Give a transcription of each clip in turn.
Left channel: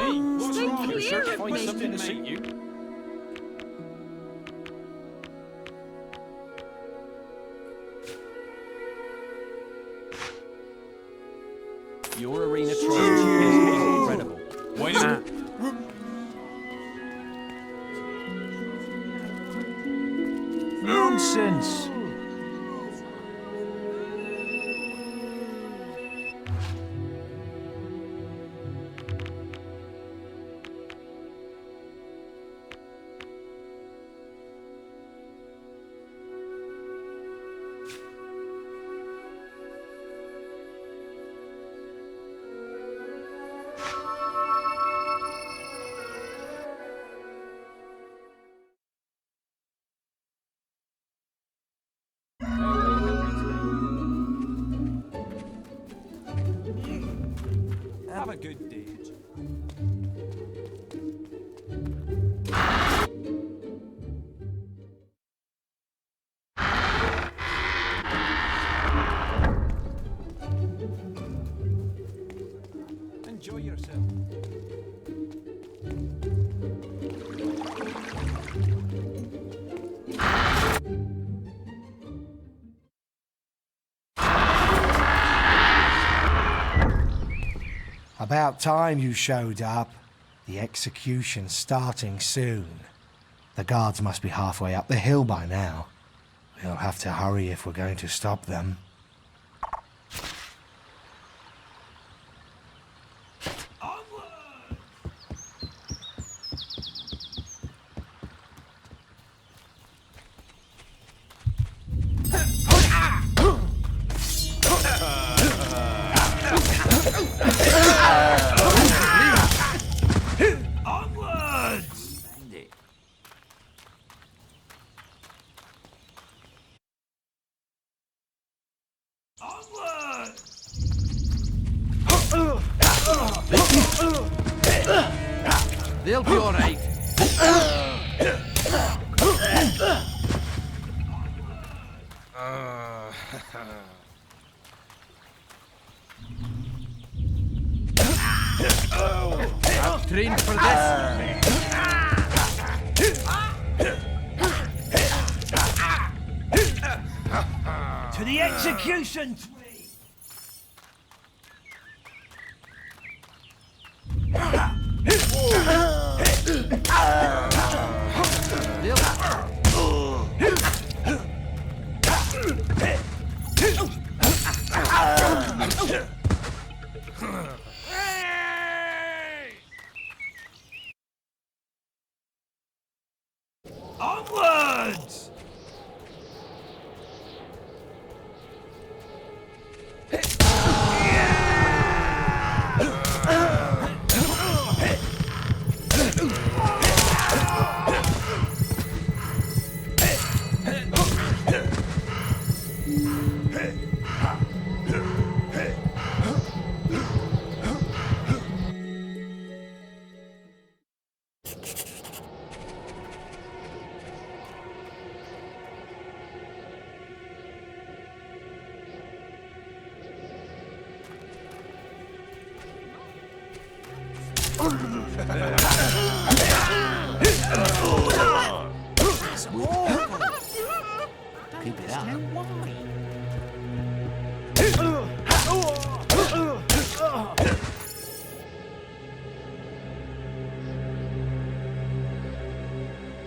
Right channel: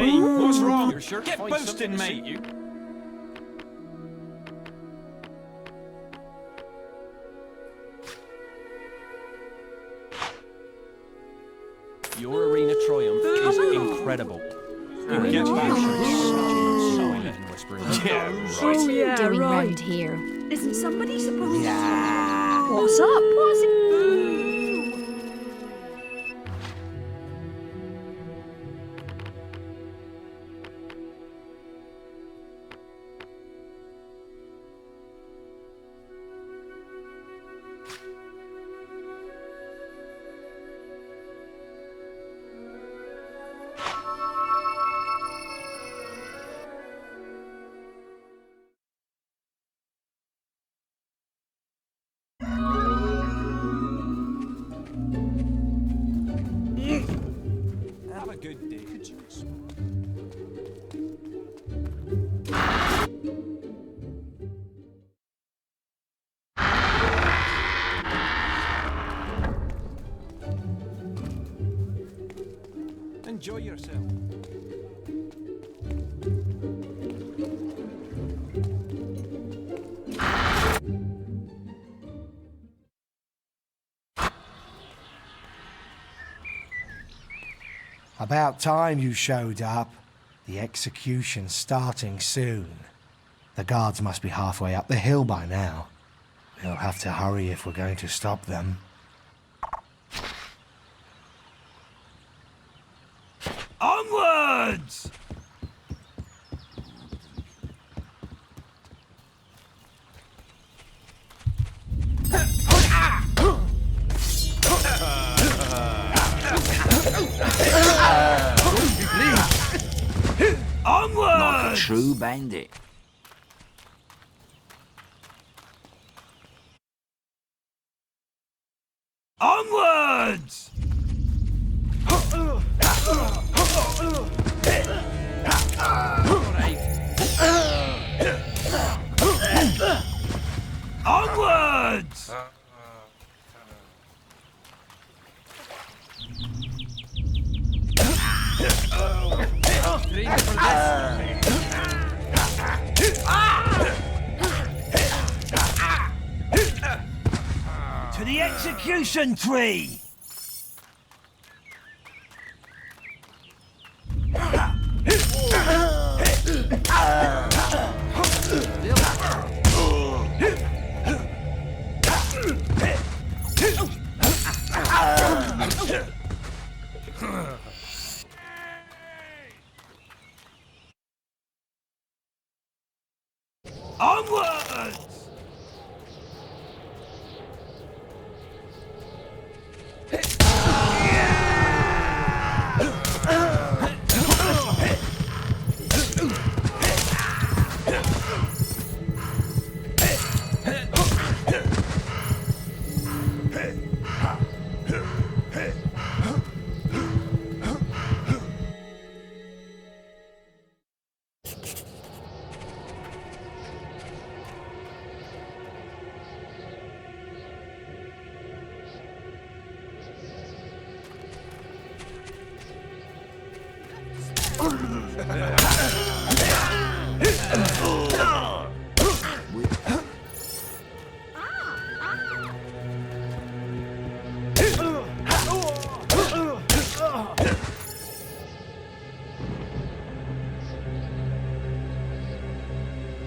Hey, what's wrong? You're sure to Get find something boosting, to suit mate. you. Your arena triumph is incredible. Why don't we get back? Yeah, What right. are you doing round here? Isn't some nonsense? What's up? What's it? Have a good day. Enjoy yourself. About time you showed up. The execution's starting soon. The guards must be halfway up the hill by now. We'll have to hurry if we're going to stop them. Onwards! Onwards! True bandit. Onwards! They'll be alright. Onwards! Trained for this. To the execution tree! Onwards!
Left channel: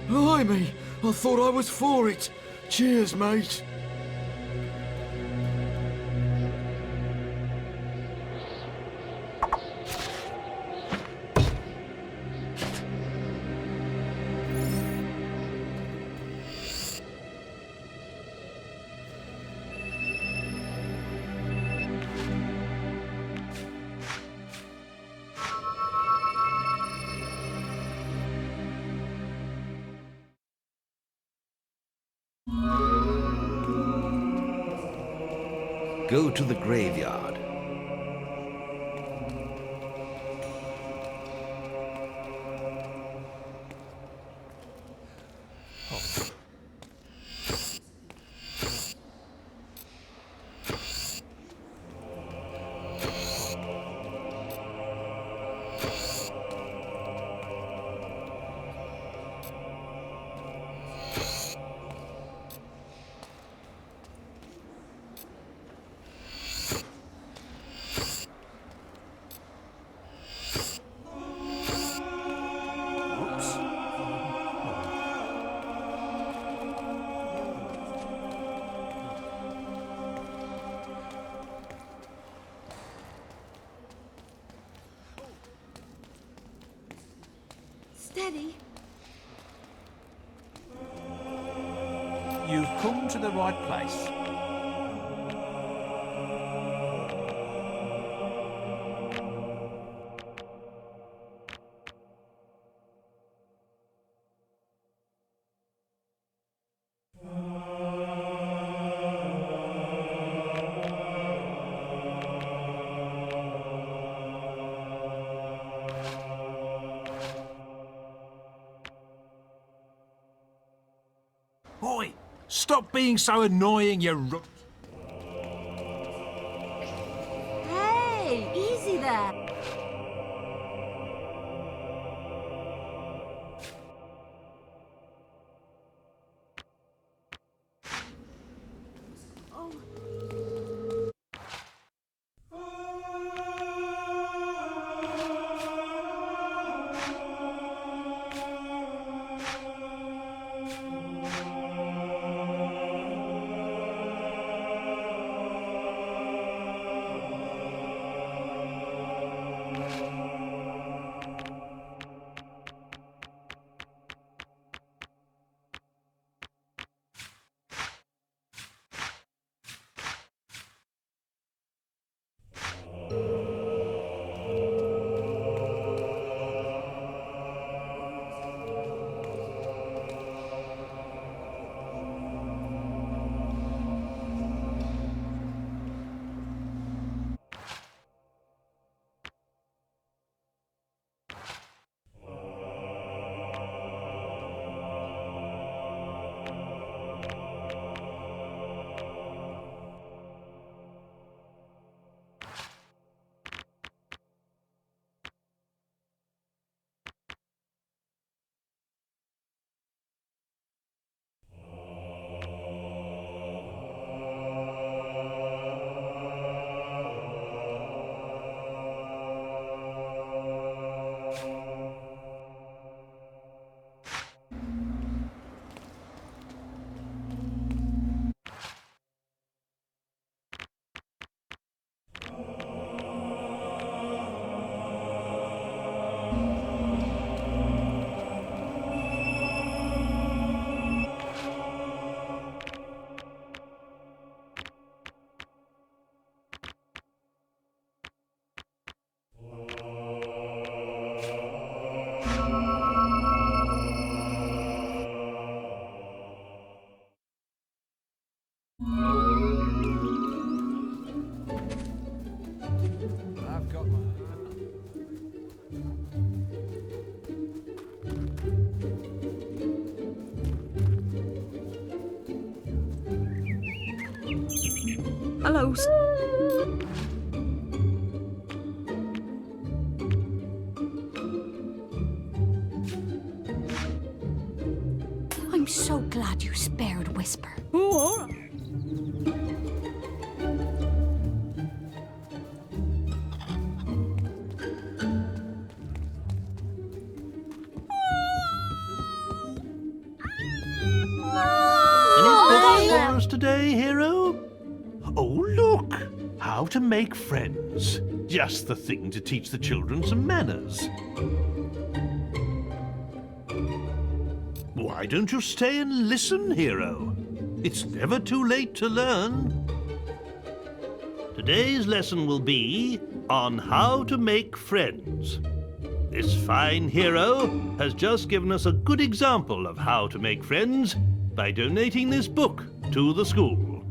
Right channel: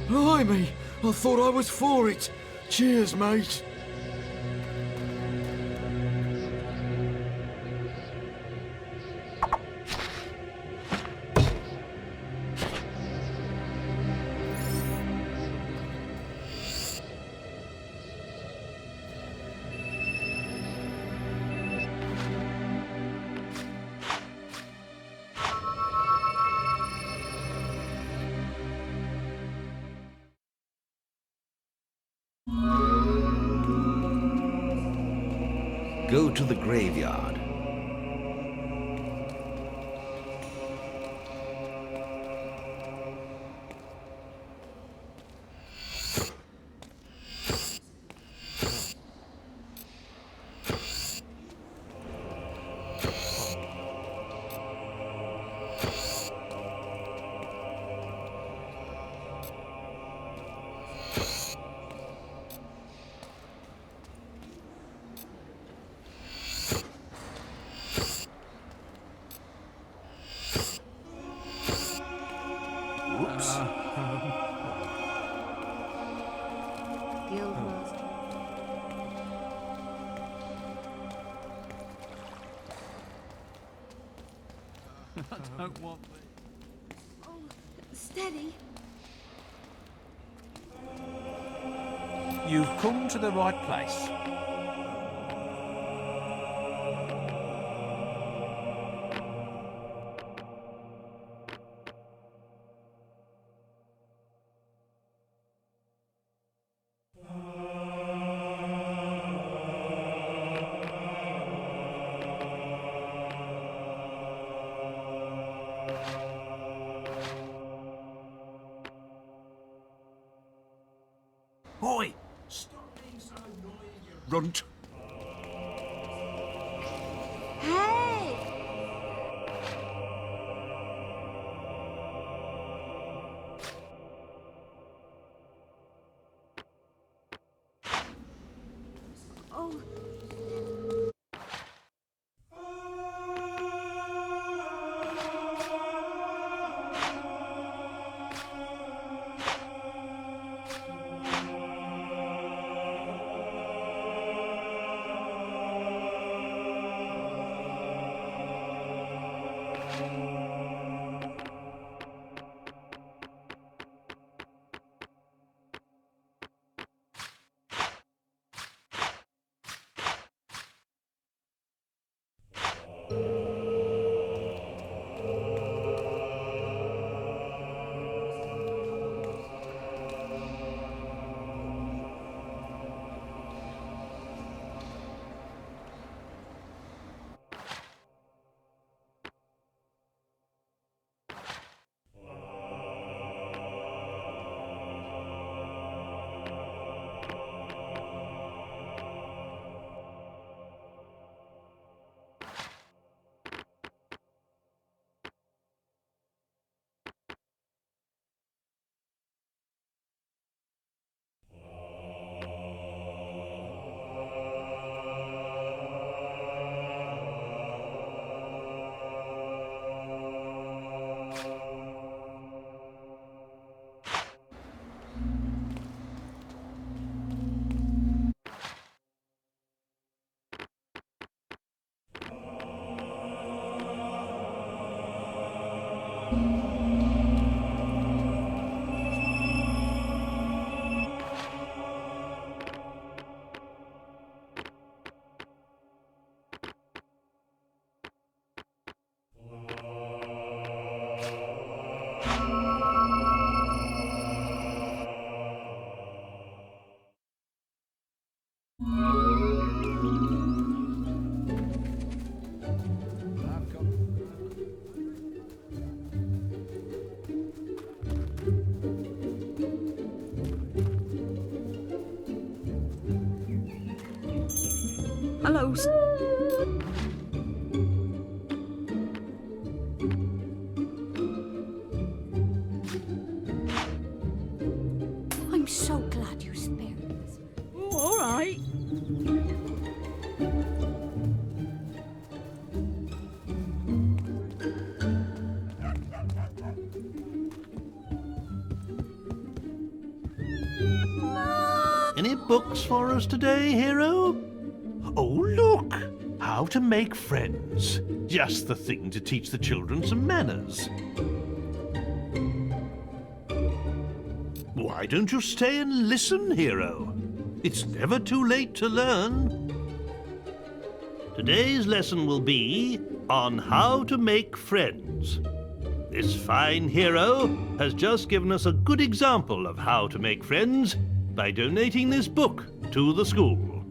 Blimey, I thought I was for it. Cheers, mate. Go to the graveyard. Don't want Steady. You've come to the right place. Oi! Stop being so annoying, you runt! Hey, easy there. Oh. I've got my... Hello. I'm so glad you spared Whisper. Oh, all right. Any books for us today, hero? Oh, look! How to make friends. Just the thing to teach the children some manners. Why don't you stay and listen, hero? It's never too late to learn. Today's lesson will be on how to make friends. This fine hero has just given us a good example of how to make friends by donating this book to the school.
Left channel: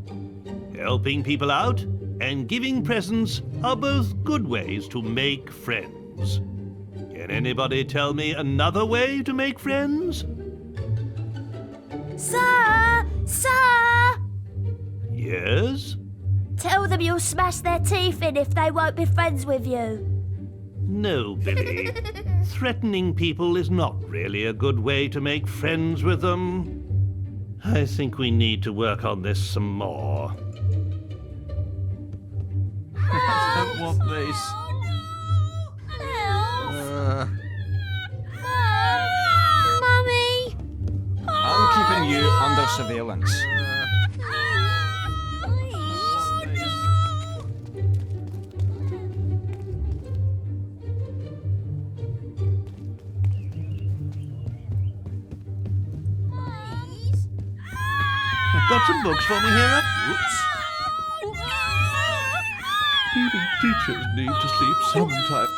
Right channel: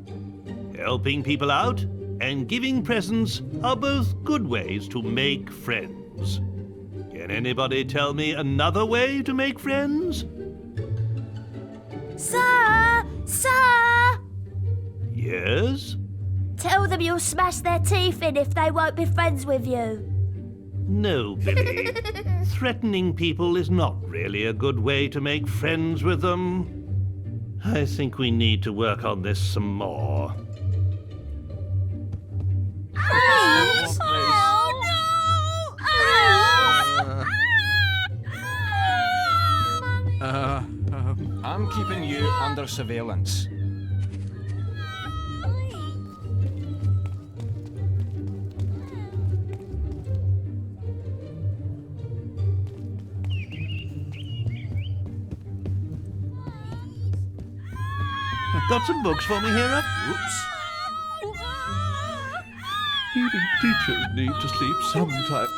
Helping people out and giving presents are both good ways to make friends. Can anybody tell me another way to make friends? Sir! Sir! Yes? Tell them you'll smash their teeth in if they won't be friends with you. No, Billy. Threatening people is not really a good way to make friends with them. I think we need to work on this some more. Don't want these. I'm keeping you under surveillance. Got some books for me, hero? Whoops. Even teachers need to sleep sometime.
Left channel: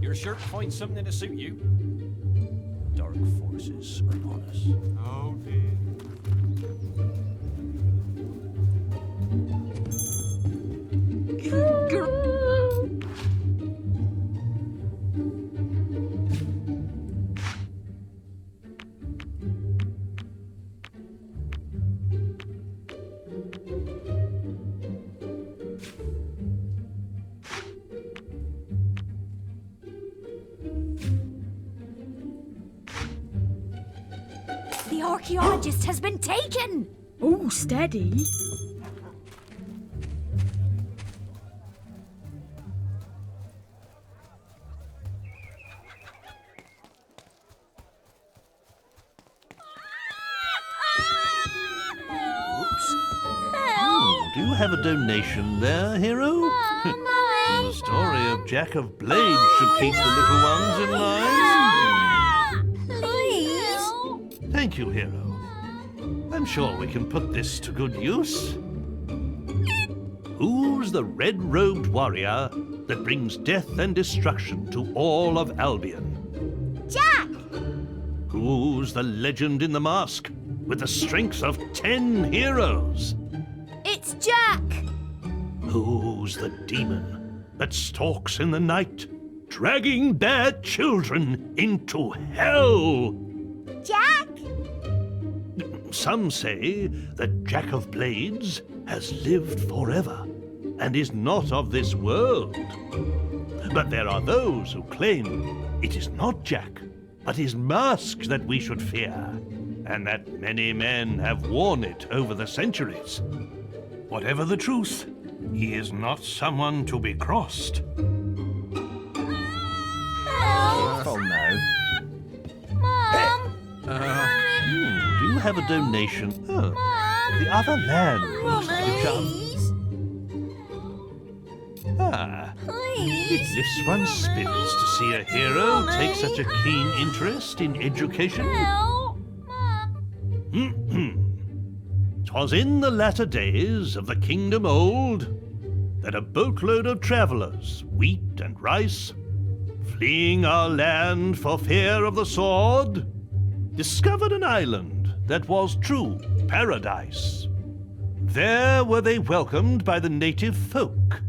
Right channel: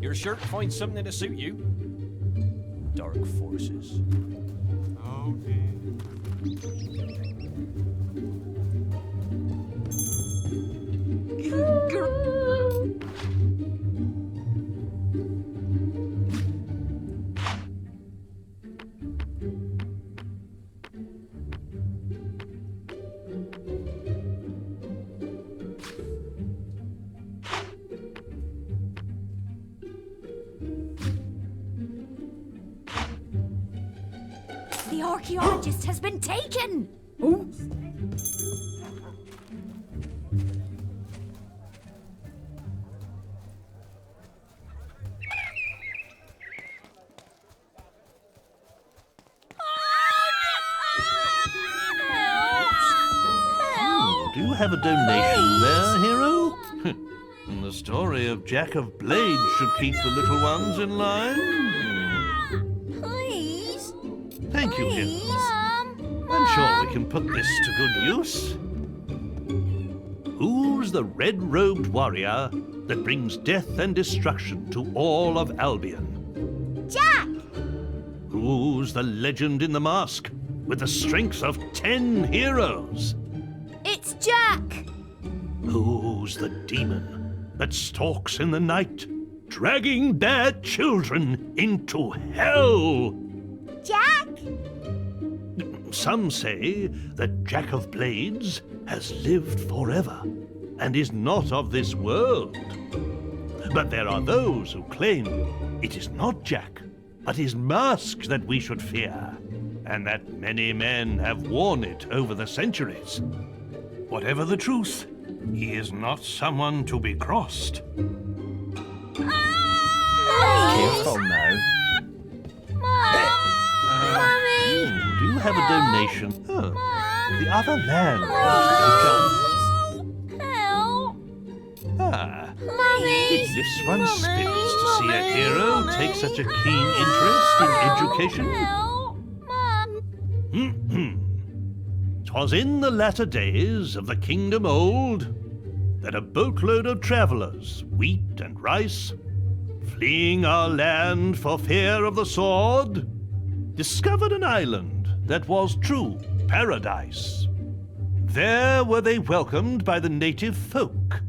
You're sure to find something to suit you. Dark forces upon us. Oh dear. The archaeologist has been taken! Oh, steady. Do you have a donation there, hero? The story of Jack of Blades should keep the little ones in line. Please? Thank you, hero. I'm sure we can put this to good use. Who's the red-robed warrior that brings death and destruction to all of Albion? Jack! Who's the legend in the mask with the strength of 10 heroes? It's Jack! Who's the demon that stalks in the night, dragging their children into hell? Jack! Some say that Jack of Blades has lived forever and is not of this world. But there are those who claim it is not Jack, but his mask that we should fear, and that many men have worn it over the centuries. Whatever the truth, he is not someone to be crossed. Careful now. Do you have a donation? Oh, the other land needs to be done. Help! Ah, Please? it lifts one's spirits to see a hero take such a keen interest in education. Help! Mum! 'Twas in the latter days of the kingdom old that a boatload of travellers, wheat and rice, fleeing our land for fear of the sword, discovered an island that was true paradise. There were they welcomed by the native folk,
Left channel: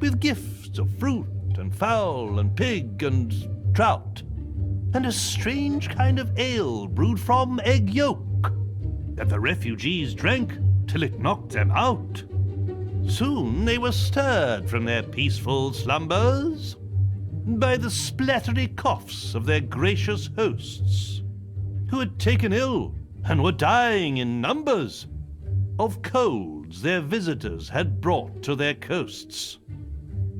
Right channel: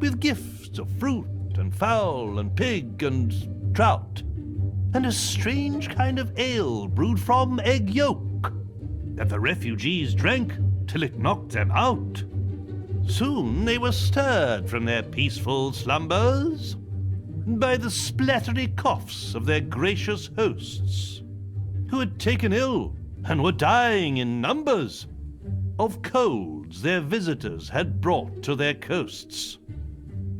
with gifts of fruit and fowl and pig and trout, and a strange kind of ale brewed from egg yolk that the refugees drank till it knocked them out. Soon they were stirred from their peaceful slumbers by the splattery coughs of their gracious hosts, who had taken ill and were dying in numbers of colds their visitors had brought to their coasts.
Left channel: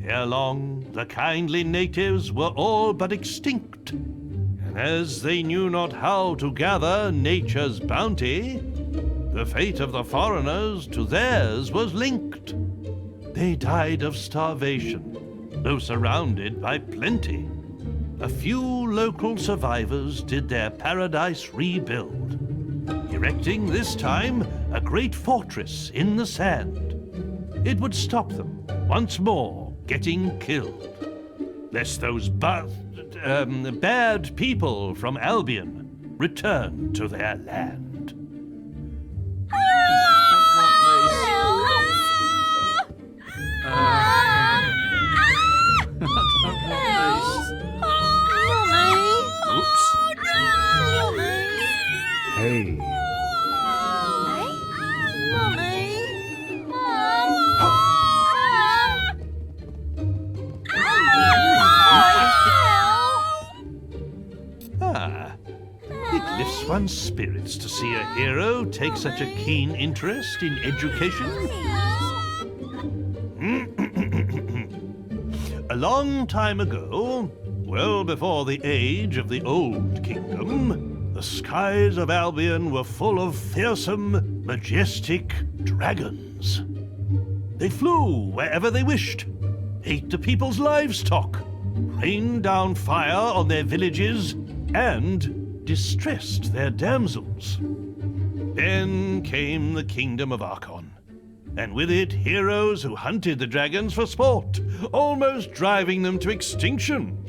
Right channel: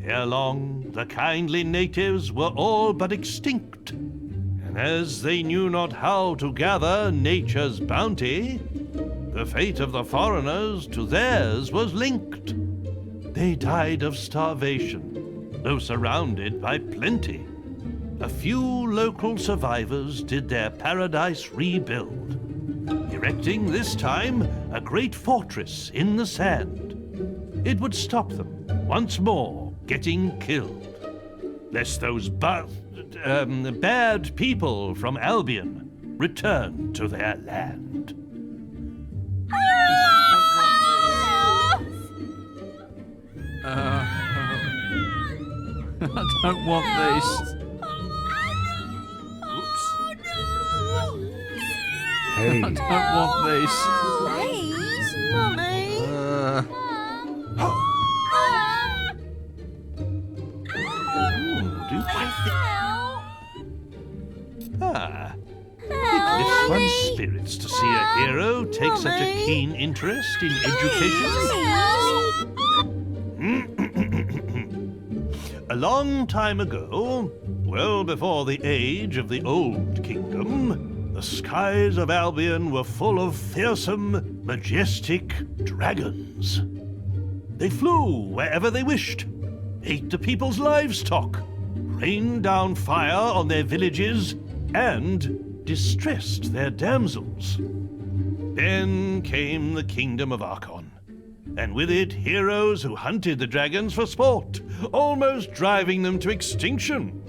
Ere long, the kindly natives were all but extinct, and as they knew not how to gather nature's bounty, the fate of the foreigners to theirs was linked. They died of starvation, though surrounded by plenty. A few local survivors did their paradise rebuild, erecting this time a great fortress in the sand. It would stop them once more getting killed, lest those bad people from Albion return to their land. I don't want this. Oops. Hey, I don't want this. Ah, it lifts one's spirits to see a hero take such a keen interest in education. A long time ago, well before the age of the Old Kingdom, the skies of Albion were full of fearsome, majestic dragons. They flew wherever they wished, ate the people's livestock, rained down fire on their villages, and distressed their damsels. Then came the Kingdom of Archon, and with it heroes who hunted the dragons for sport, almost driving them to extinction.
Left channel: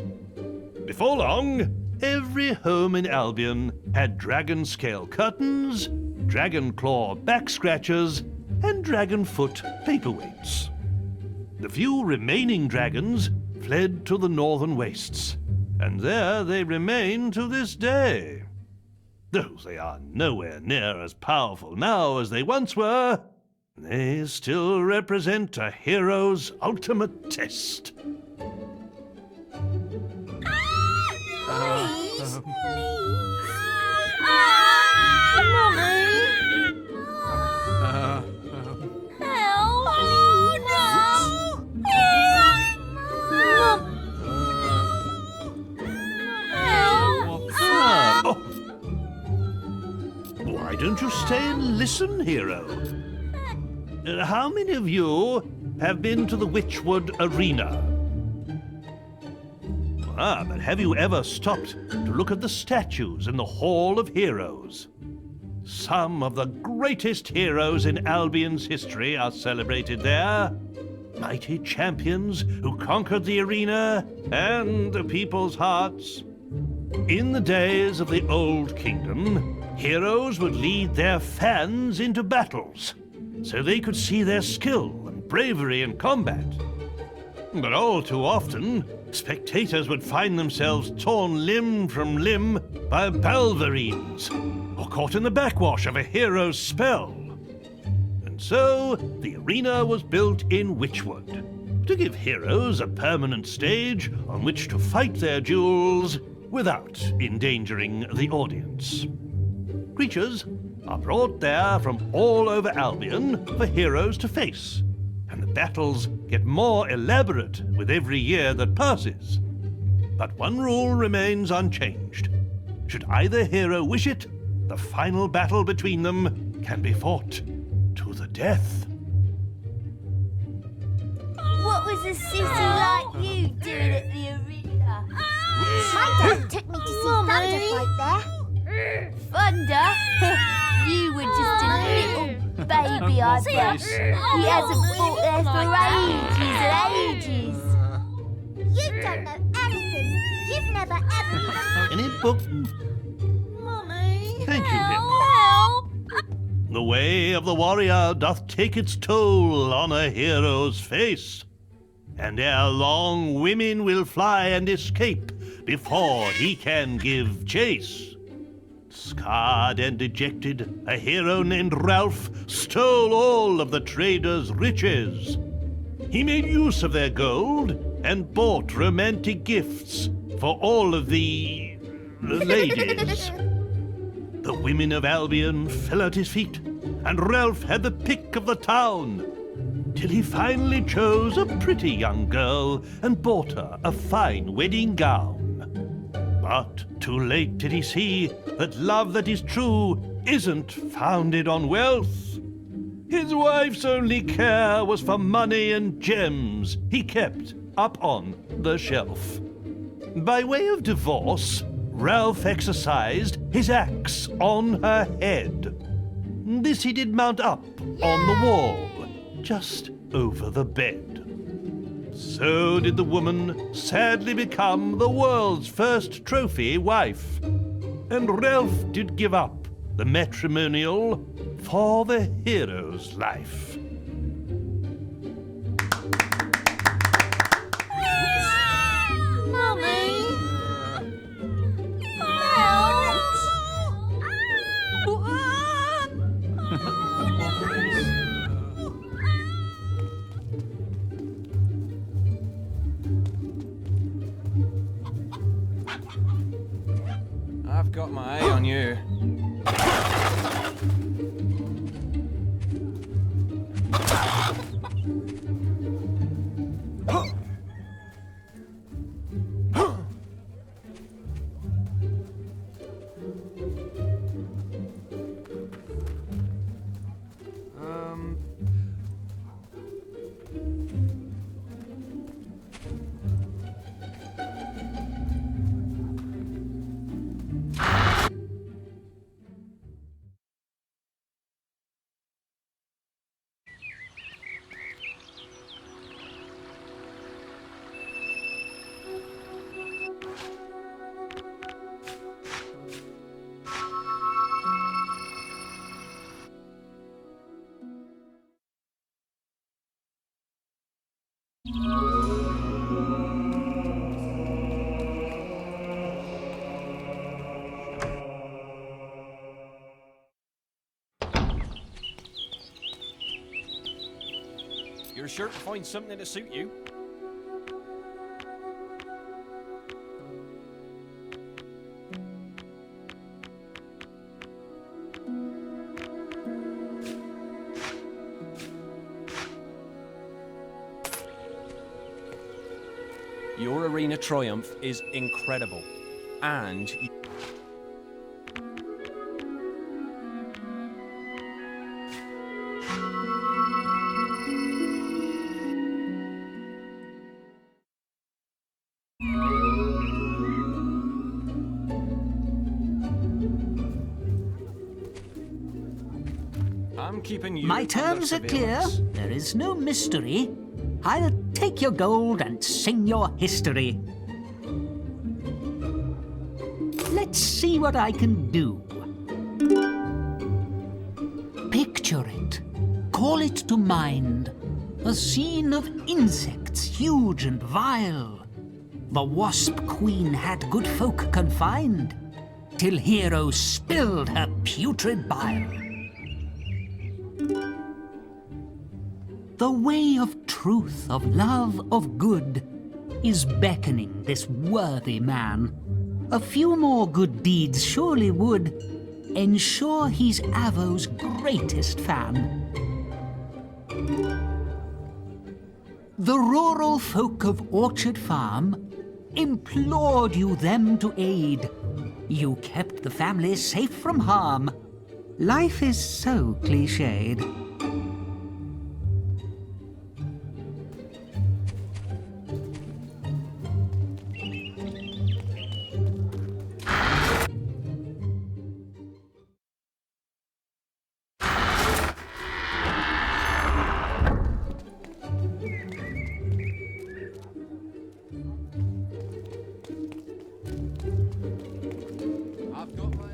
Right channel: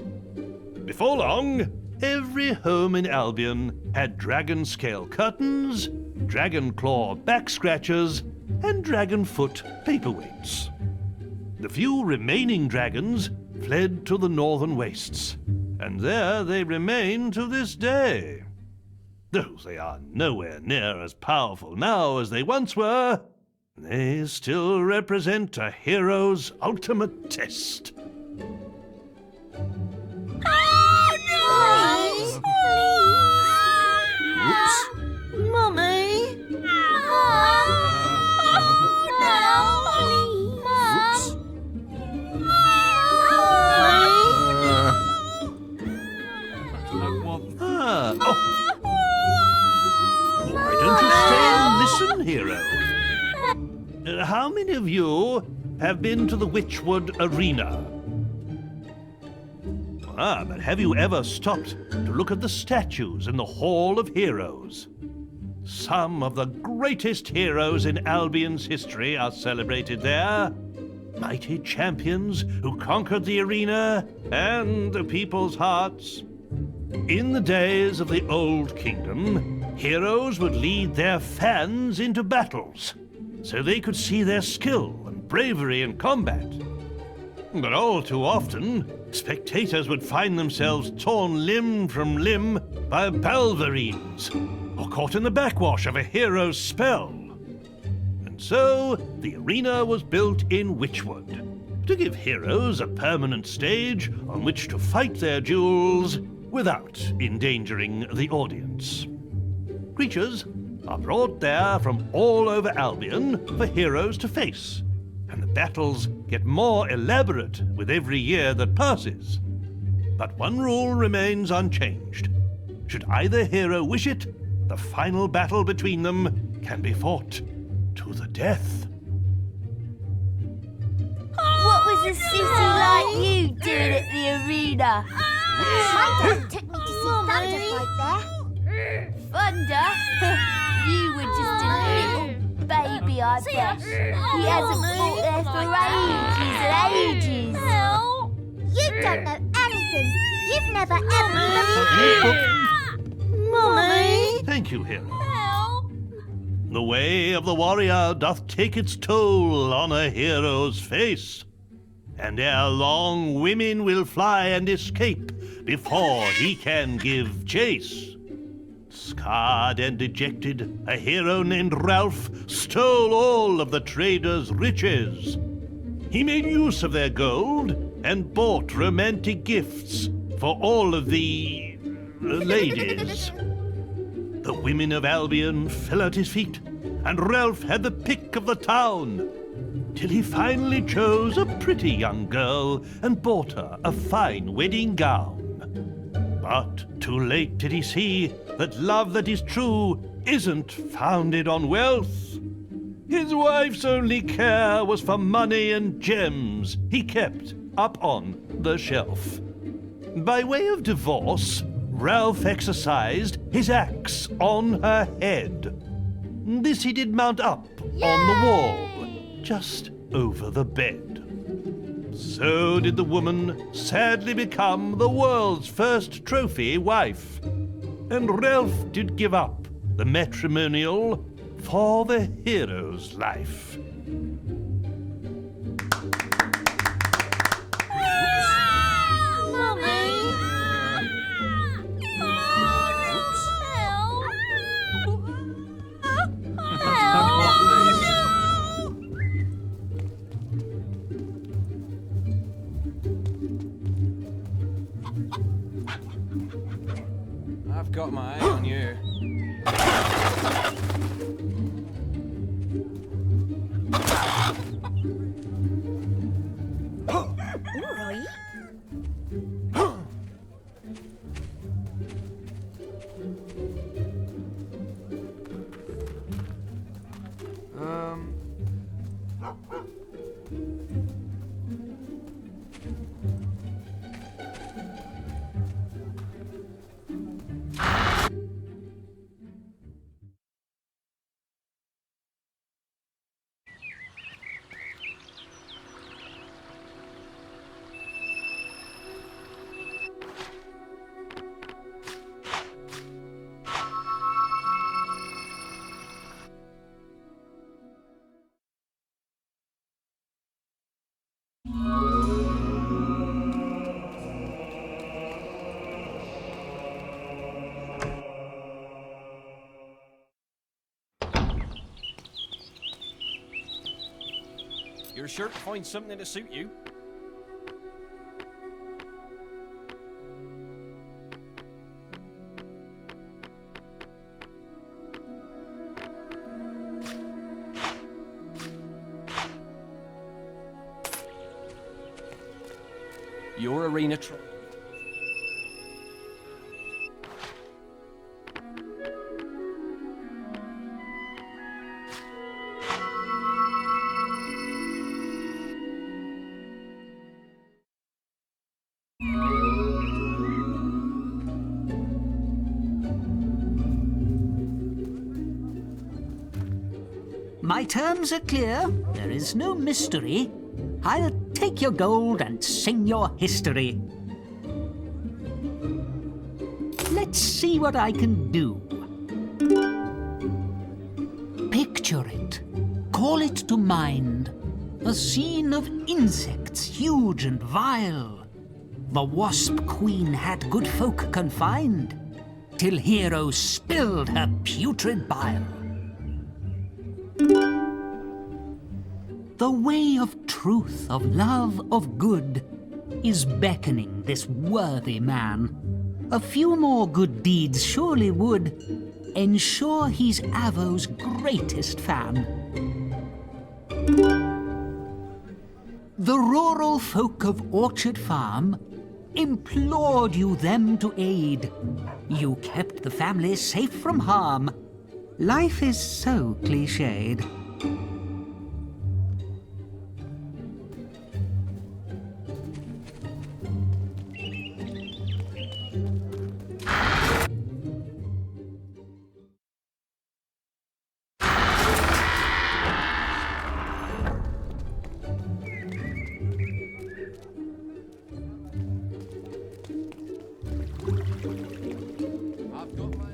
Before long, every home in Albion had dragon scale curtains, dragon claw back scratchers, and dragon foot paperweights. The few remaining dragons fled to the northern wastes, and there they remain to this day. Though they are nowhere near as powerful now as they once were, they still represent a hero's ultimate test. Why don't you stay and listen, hero? How many of you have been to the Witchwood Arena? But have you ever stopped to look at the statues in the Hall of Heroes? Some of the greatest heroes in Albion's history are celebrated there. Mighty champions who conquered the arena and the people's hearts. In the days of the Old Kingdom, heroes would lead their fans into battles, so they could see their skill and bravery in combat. But all too often, spectators would find themselves torn limb from limb by balverines, or caught in the backwash of a hero's spell. And so, the arena was built in Witchwood, to give heroes a permanent stage on which to fight their duels without endangering the audience. Creatures are brought there from all over Albion for heroes to face, and the battles get more elaborate with every year that passes. But one rule remains unchanged. Should either hero wish it, the final battle between them can be fought to the death. What was a sissy like you doing at the arena? My dad took me to see Thunder fight there. Thunder? You were just a little baby, I bet. He hasn't fought there for ages and ages. You don't know anything. You've never ever Any book? Mummy? Thank you, him. Help! The way of the warrior doth take its toll on a hero's face, and ere long women will fly and escape before he can give chase. Scarred and dejected, a hero named Ralph stole all of the traders' riches. He made use of their gold and bought romantic gifts for all of the ladies. The women of Albion fell at his feet, and Ralph had the pick of the town, till he finally chose a pretty young girl and bought her a fine wedding gown. But too late did he see that love that is true isn't founded on wealth. His wife's only care was for money and gems he kept up on the shelf. By way of divorce, Ralph exercised his axe on her head. This he did mount up on the wall, just over the bed. So did the woman sadly become the world's first trophy wife. And Ralph did give up the matrimonial for the hero's life. I've got my eye on you. You're sure to find something to suit you. Your arena triumph is incredible, and I'm keeping you. My terms are clear. There is no mystery. I'll take your gold and sing your history. Let's see what I can do. Picture it. Call it to mind. A scene of insects huge and vile. The wasp queen had good folk confined, till Hero spilled her putrid bile. The way of truth, of love, of good is beckoning this worthy man. A few more good deeds surely would ensure he's Avo's greatest fan. The rural folk of Orchard Farm implored you them to aid. You kept the family safe from harm. Life is so cliched. I've got my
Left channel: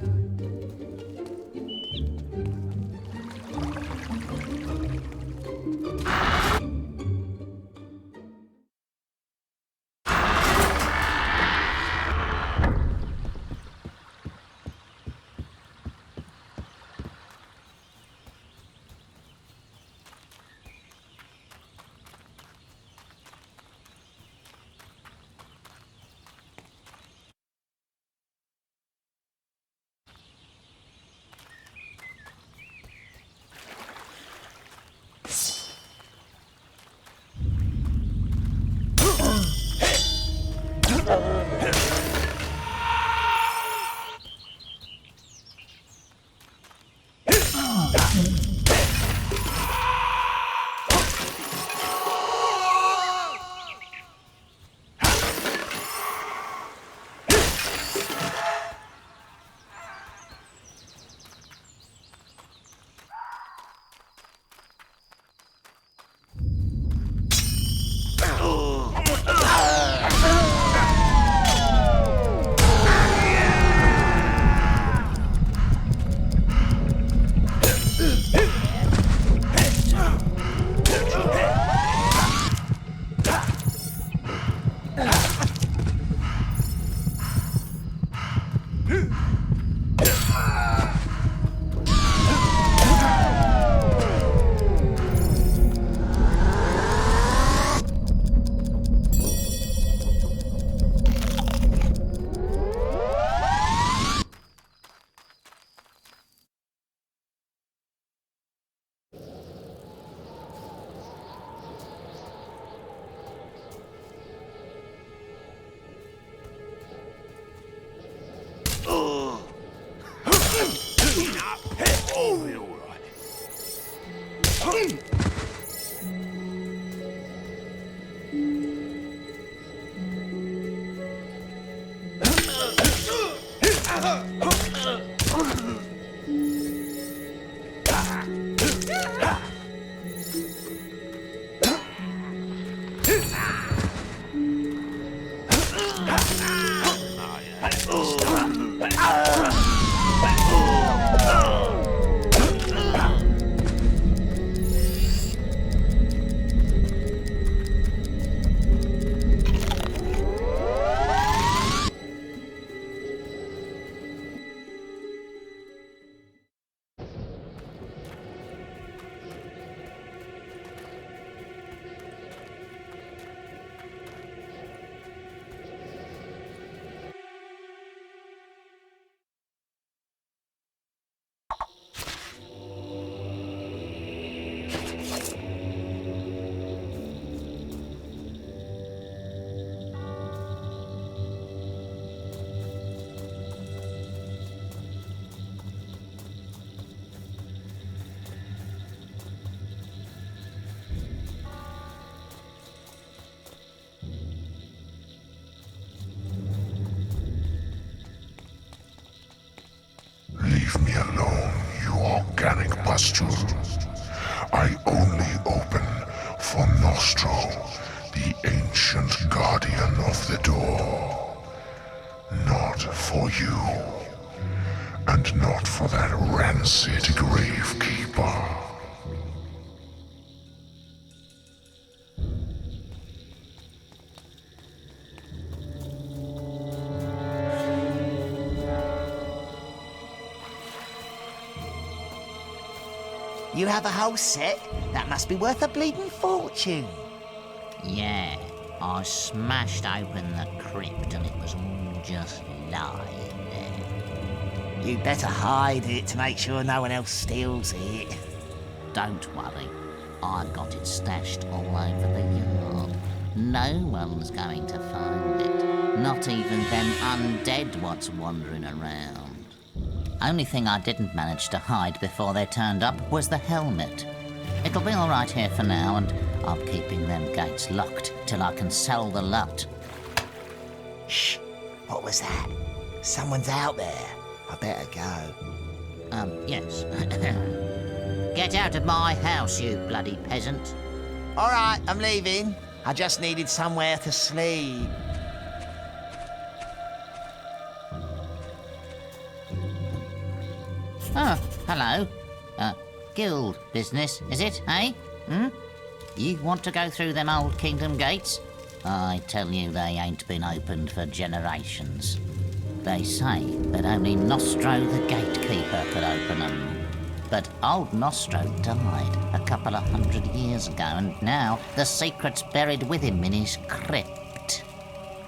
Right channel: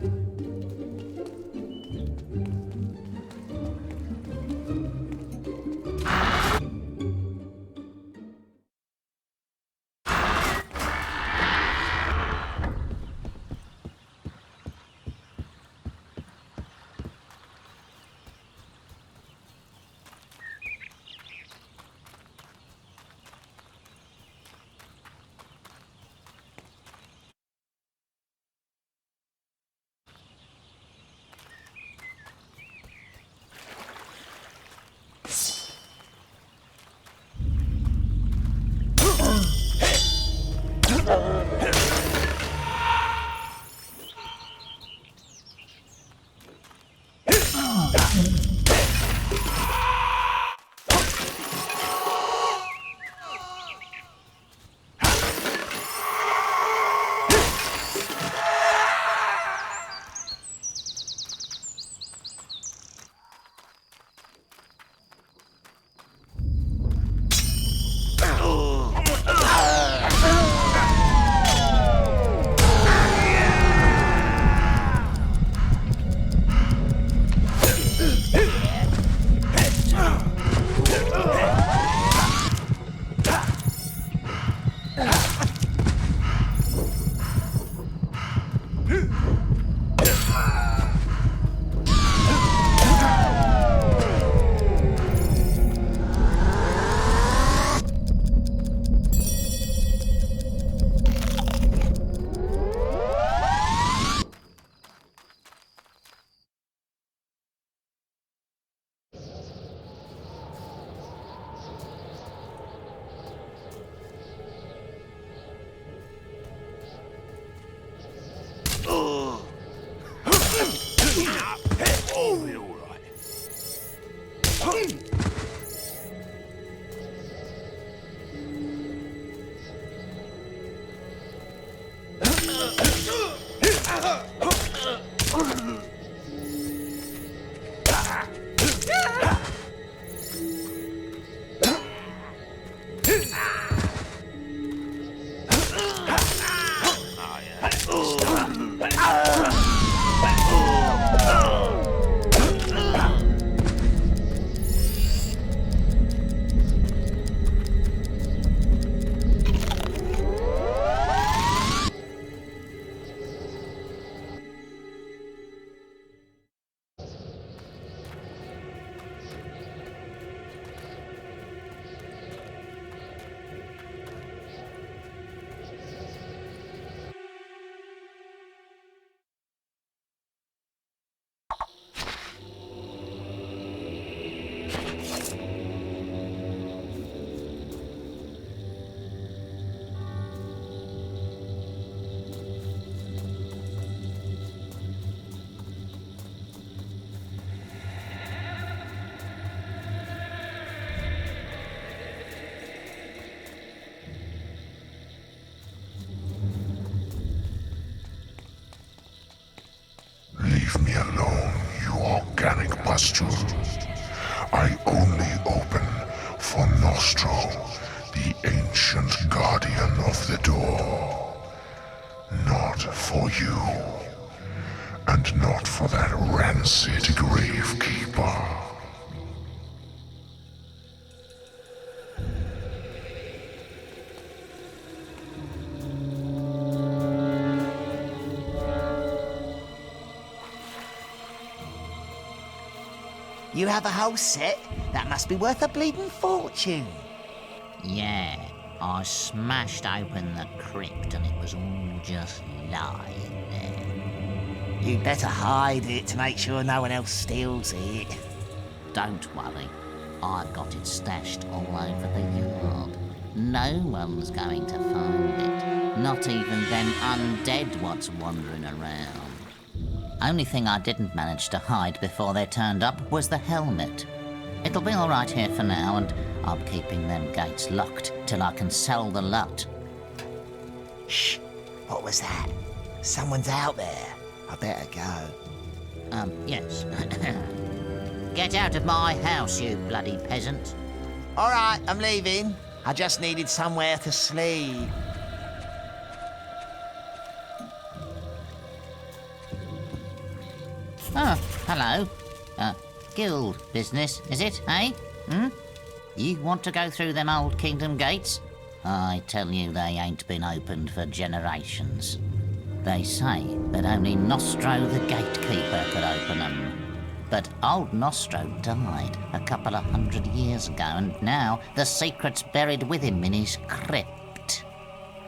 Leave me alone, you organic pustule. I only open for Nostro, the ancient guardian of the door. Not for you. And not for that rancid gravekeeper. You have a whole set? That must be worth a bleeding fortune. Yeah, I smashed open the crypt and it was all just lying there. You'd better hide it to make sure no one else steals it. Don't worry, I've got it stashed all over the yard. No one's going to find it, not even them undead what's wandering around. Only thing I didn't manage to hide before they turned up was the helmet. It'll be all right here for now, and I'm keeping them gates locked till I can sell the lot. Shh! What was that? Someone's out there. I better go. Yes. Get out of my house, you bloody peasant. All right, I'm leaving. I just needed somewhere to sleep. Oh, hello. Guild business, is it, eh? You want to go through them old kingdom gates? I tell you, they ain't been opened for generations. They say that only Nostro the gatekeeper could open them. But old Nostro died a couple of 100 years ago, and now the secret's buried with him in his crypt.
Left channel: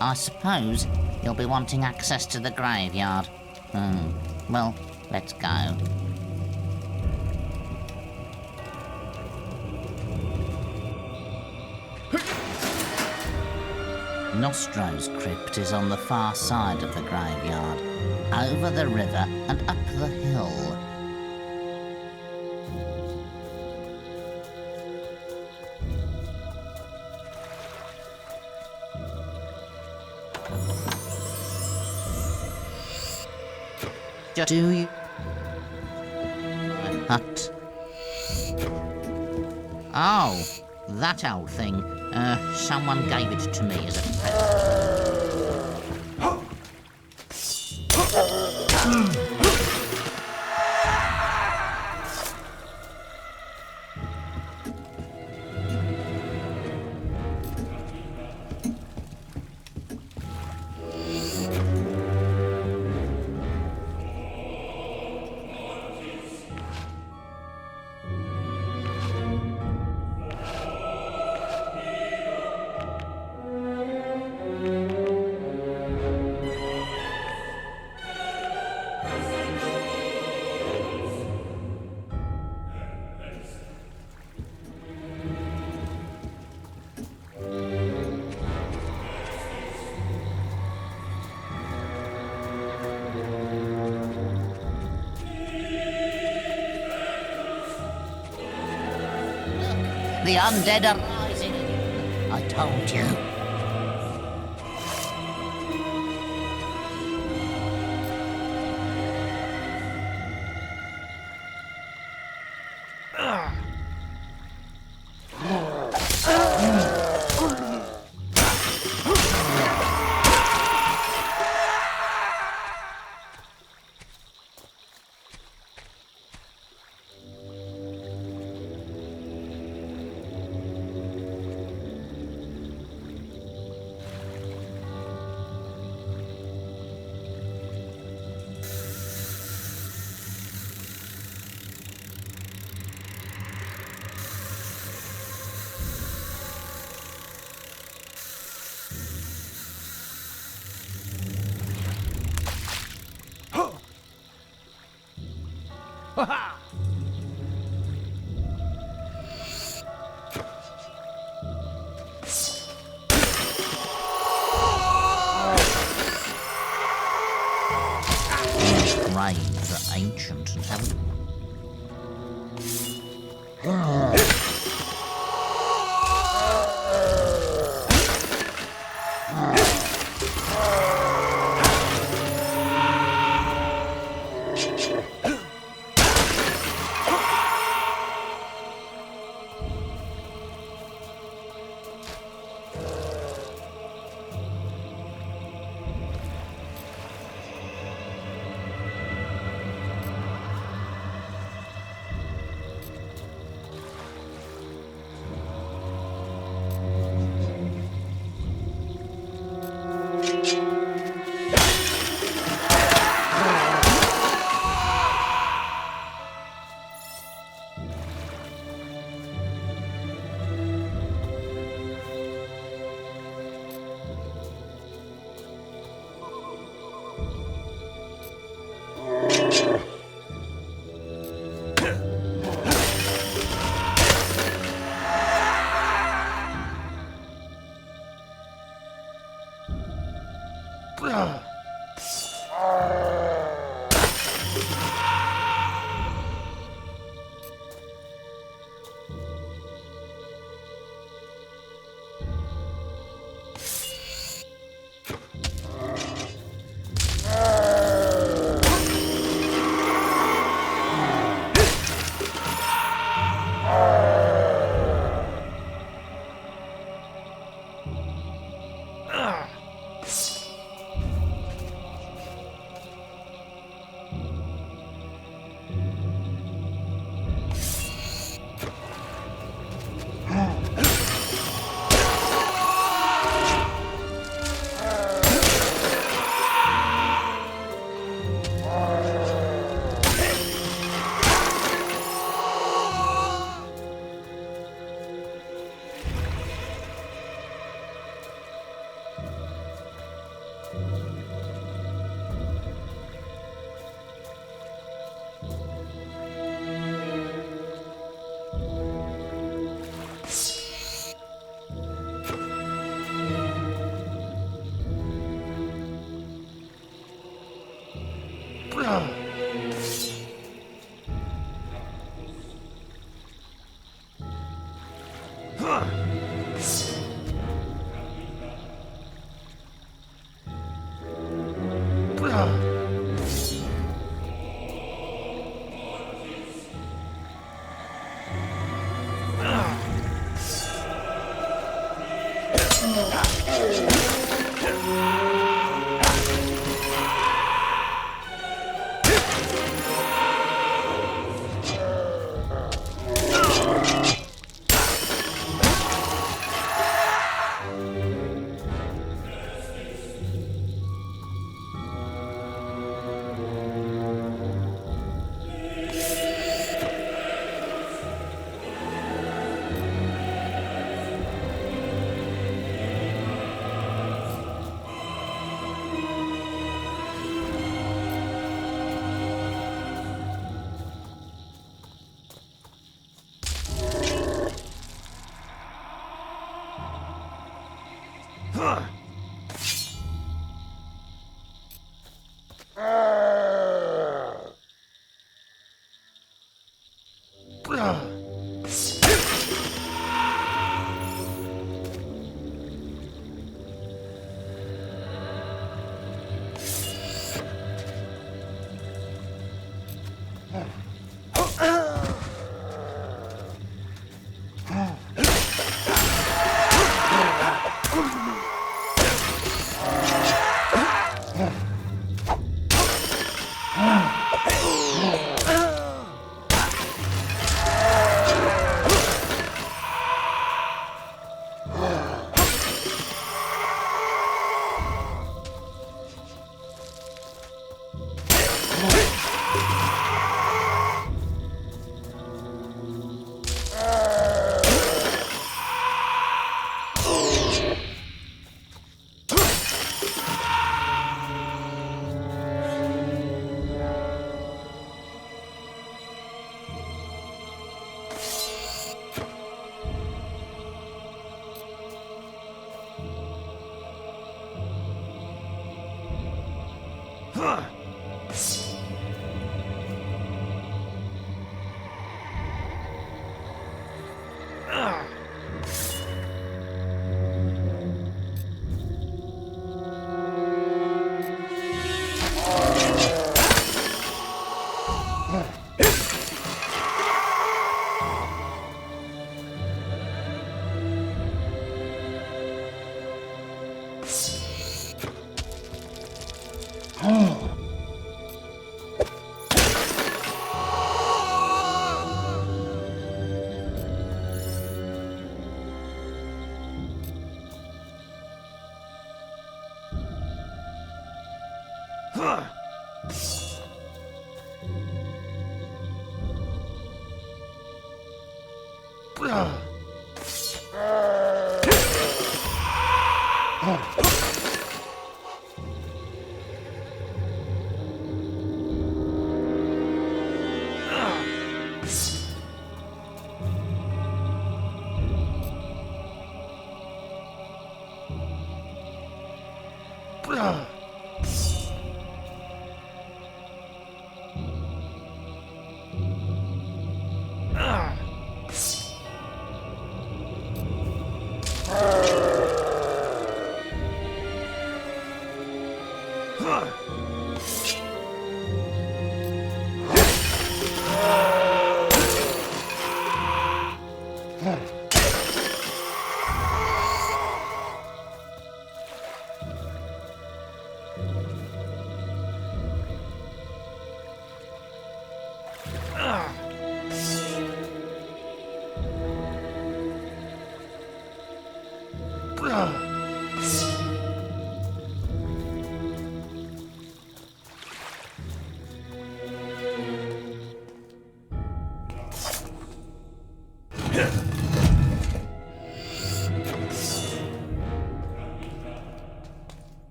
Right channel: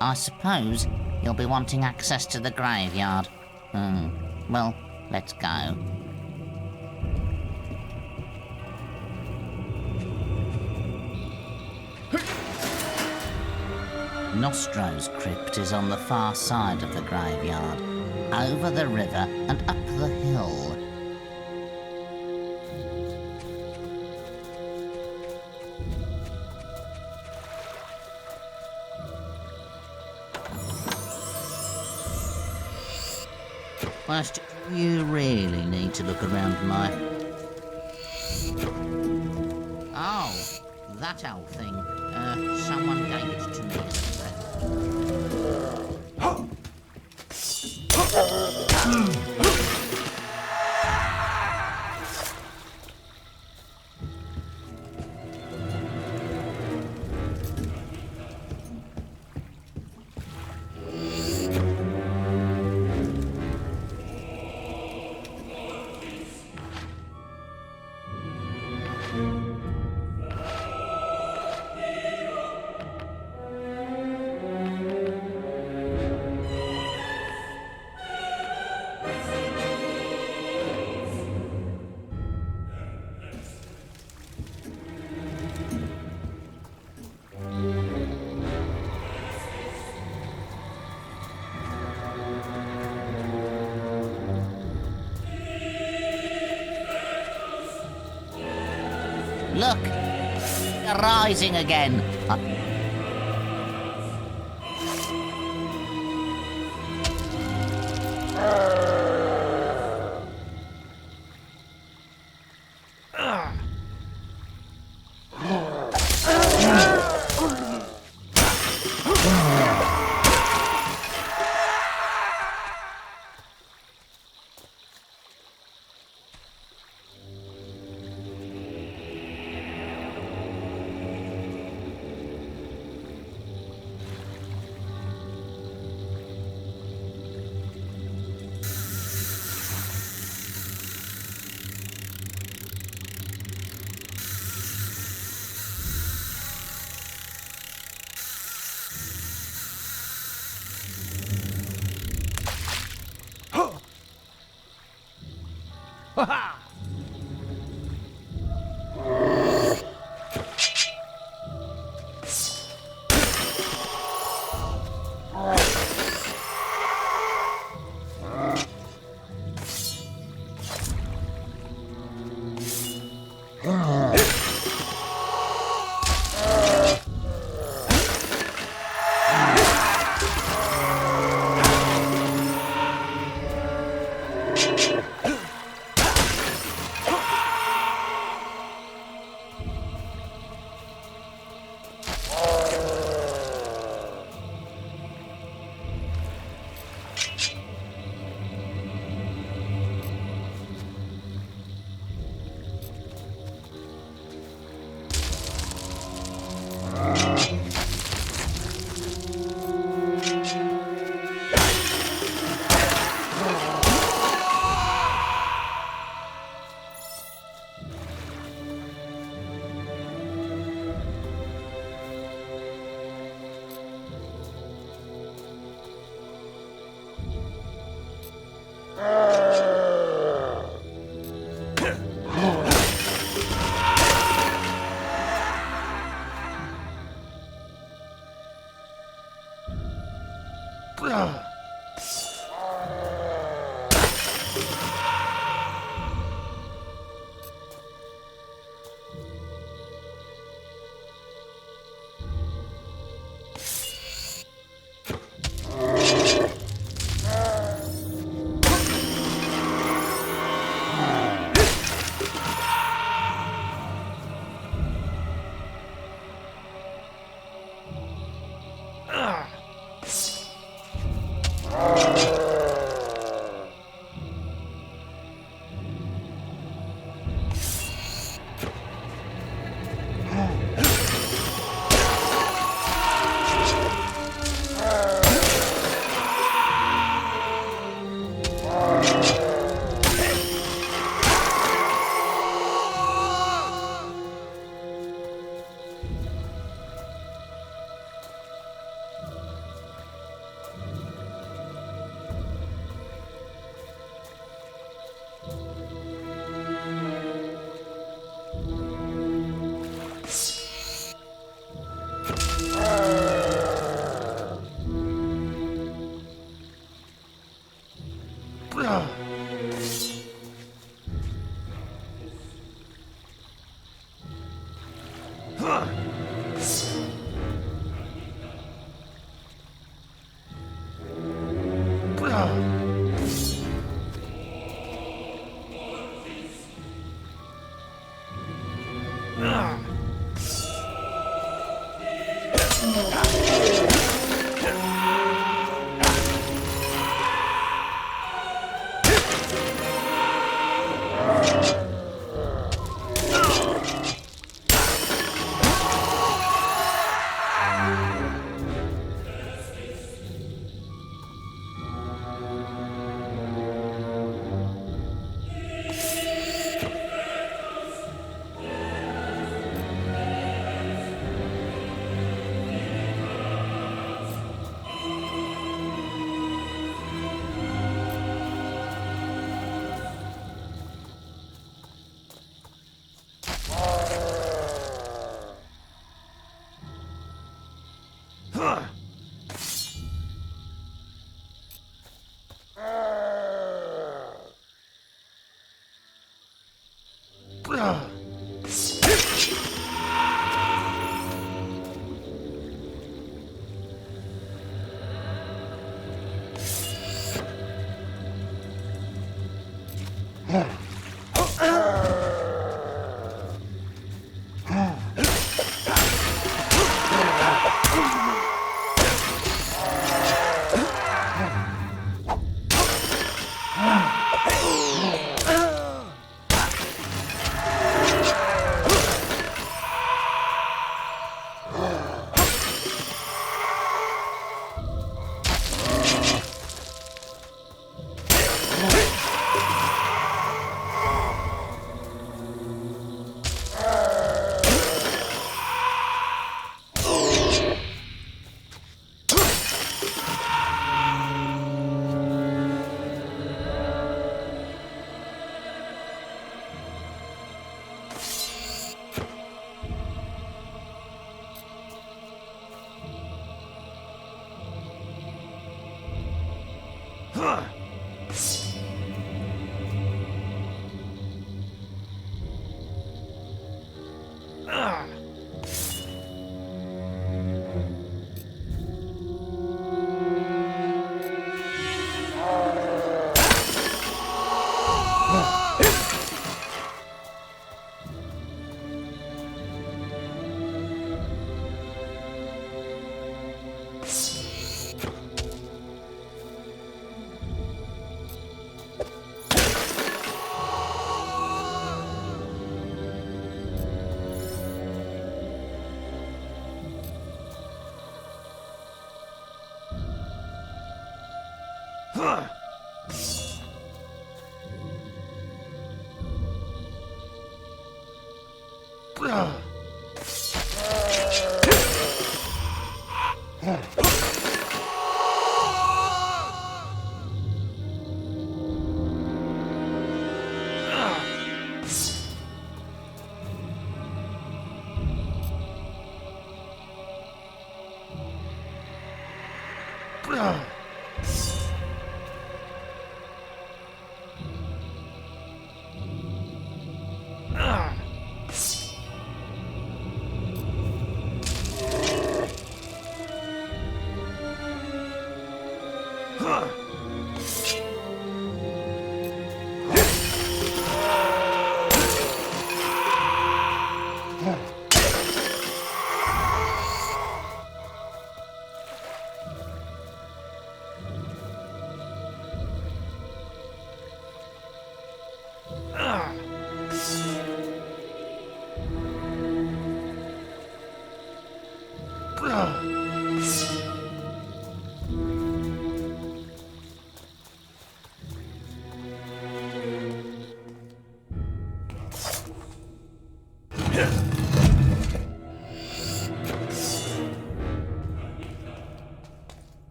I suppose you'll be wanting access to the graveyard. Well, let's go. Nostro's crypt is on the far side of the graveyard, over the river and up the hill. Do you really need to look around my hut? Oh, that old thing. Someone gave it to me as a present. Look, the undead are rising again. I told you. Graves are ancient.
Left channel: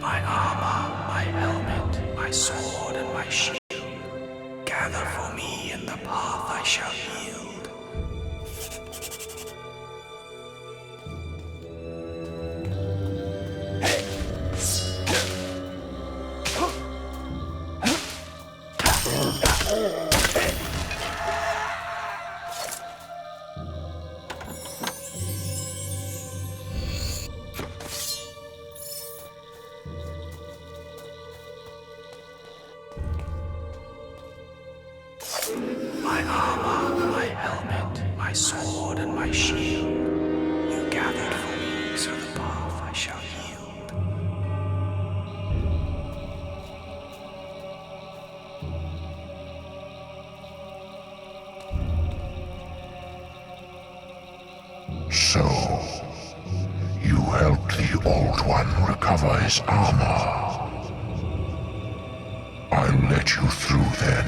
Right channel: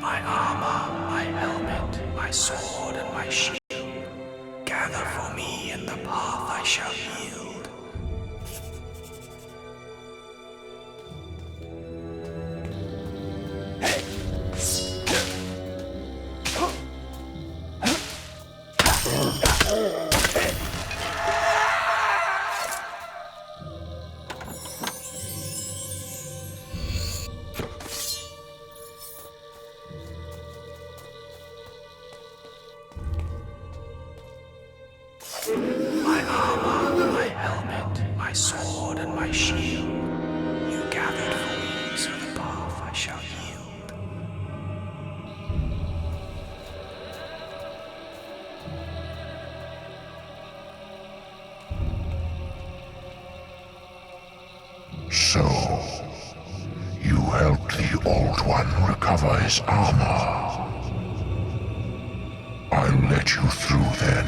My armor, my helmet, my sword, and my shield. Gather for me in the path I shall yield. My armor, my helmet, my sword, and my shield. You gathered for me, so the path I shall yield. So, you helped the Old One recover his armor. I'll let you through then.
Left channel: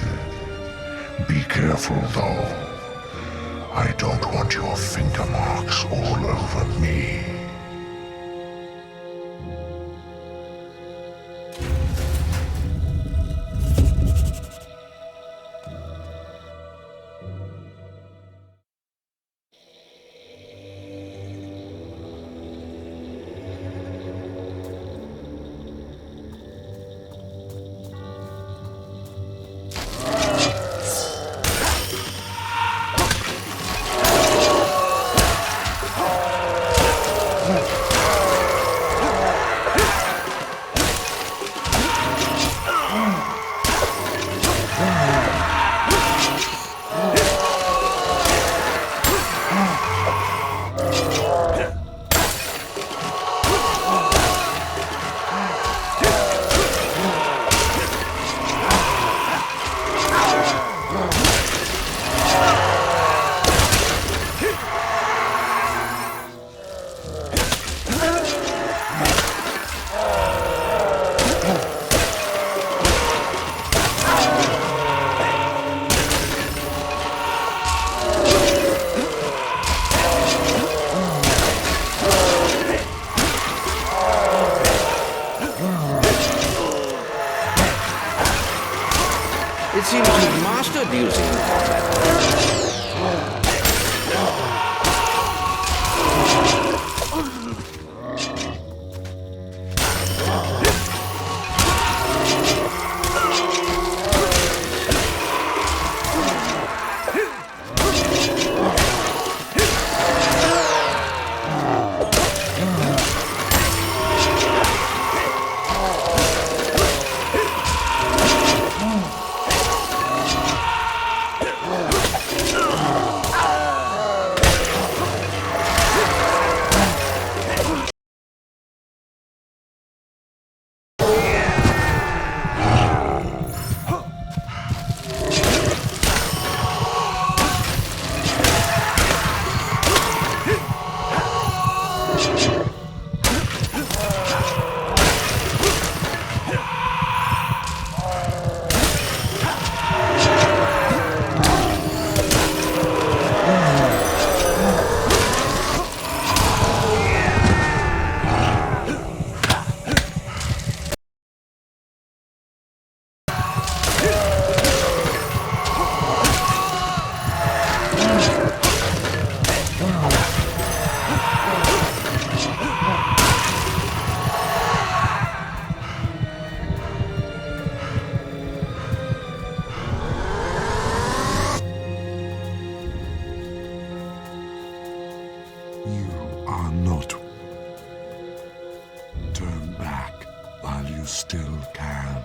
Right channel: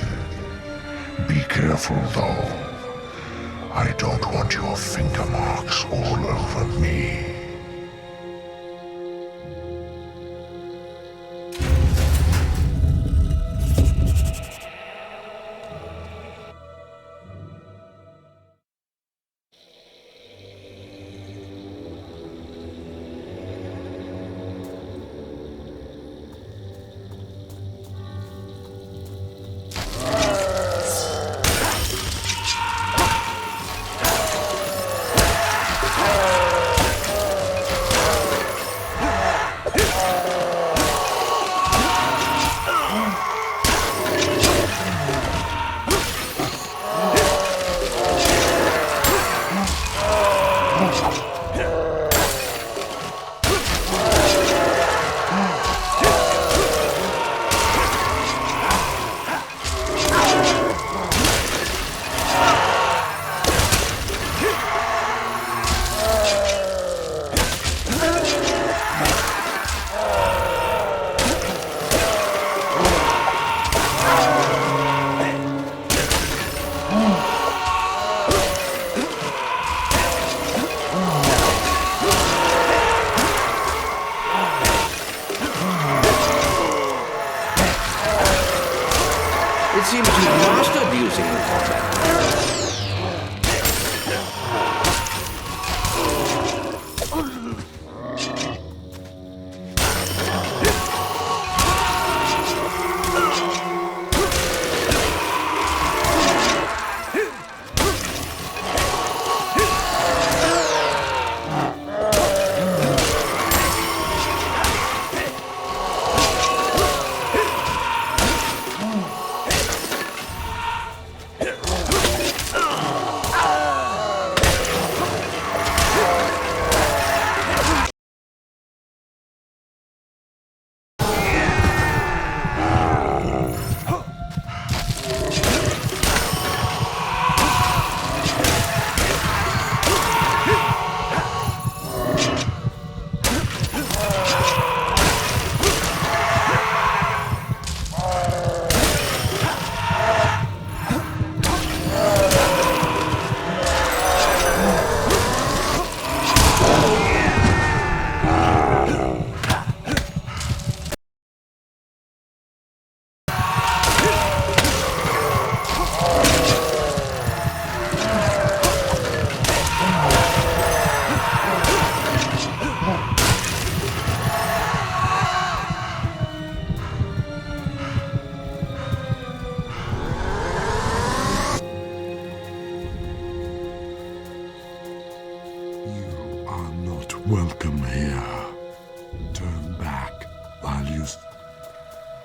Be careful, though. I don't want your finger marks all over me. It seems you've mastered using the combat. Welcome here. Turn back while you still can.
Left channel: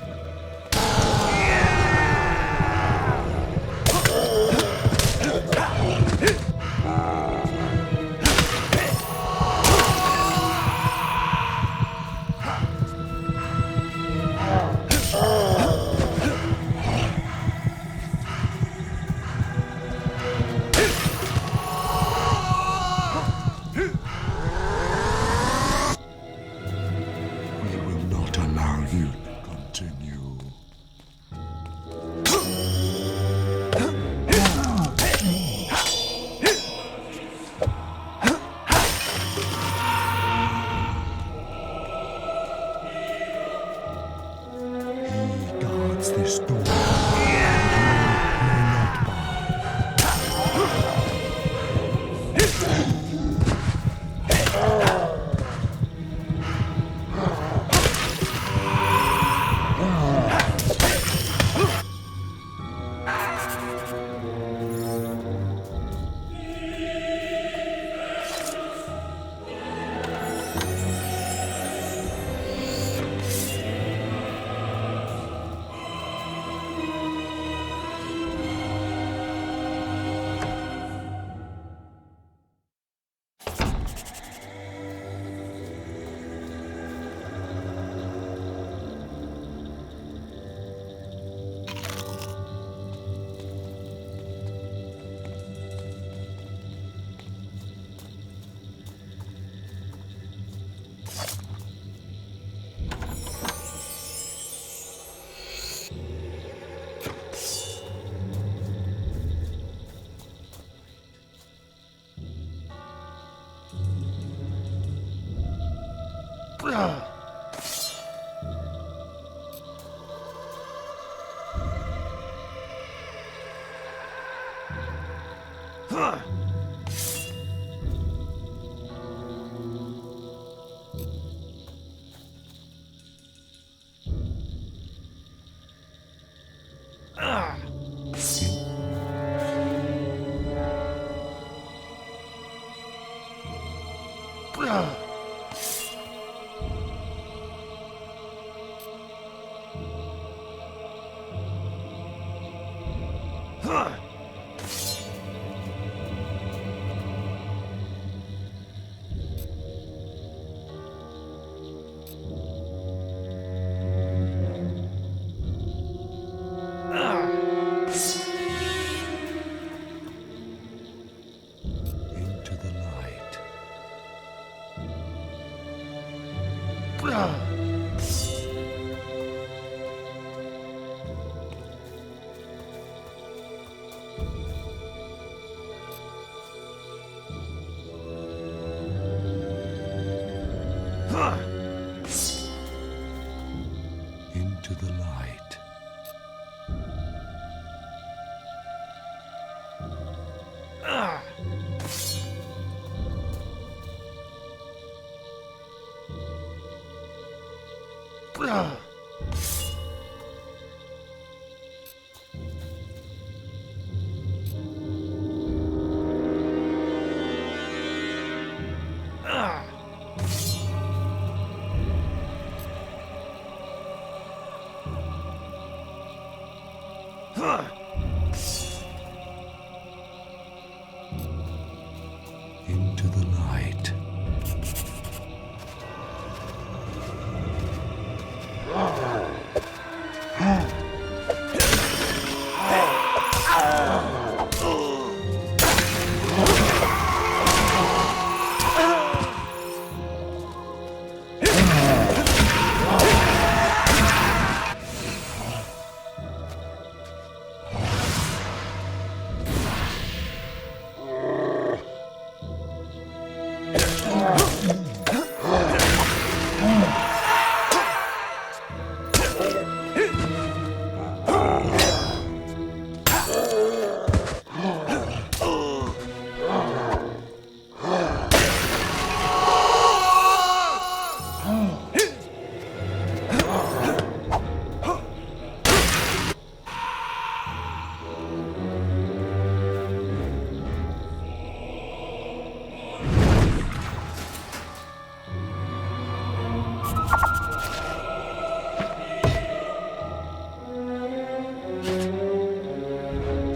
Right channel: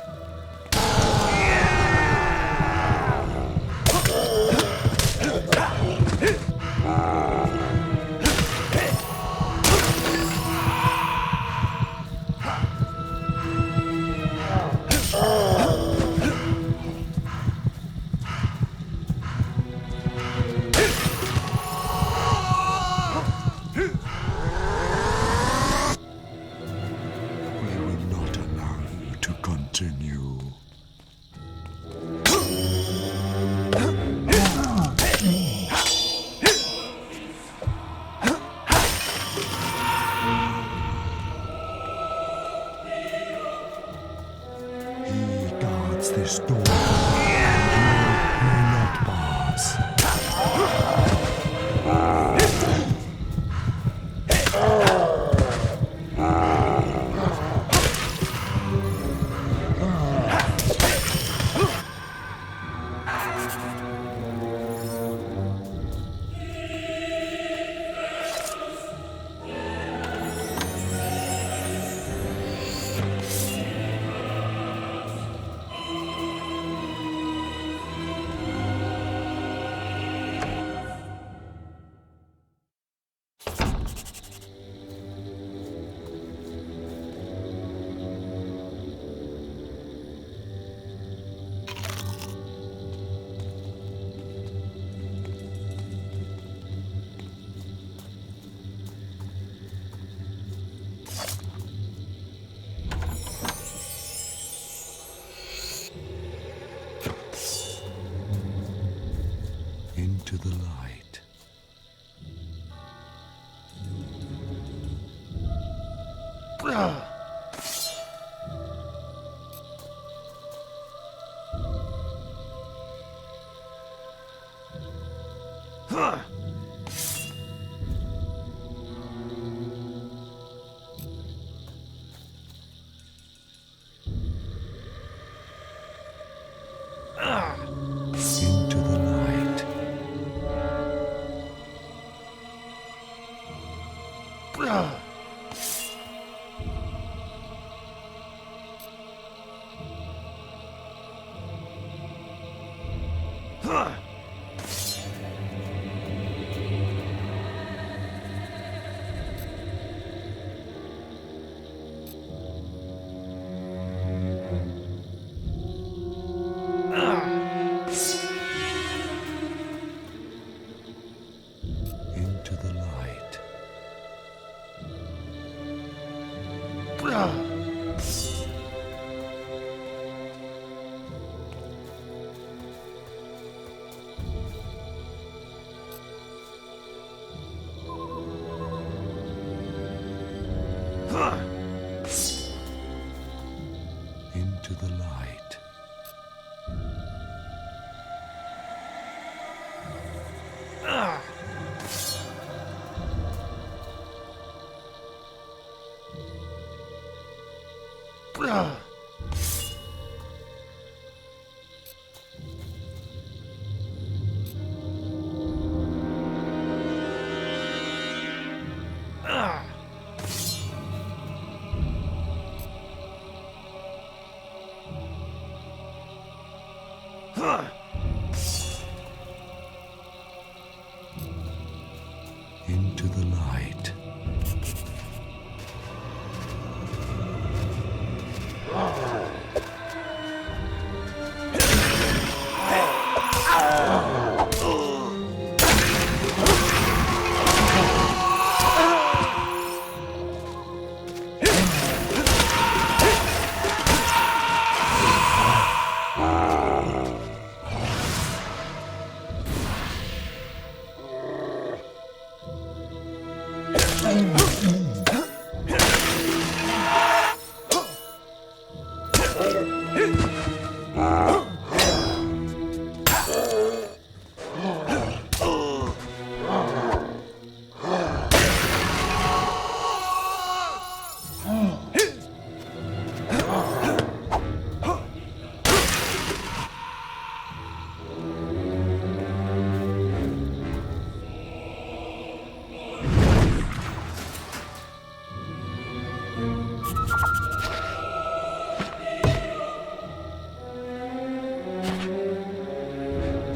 Continue. He guards this door, and you may not pass. Into the light. Into the light. Into the light. Into the light.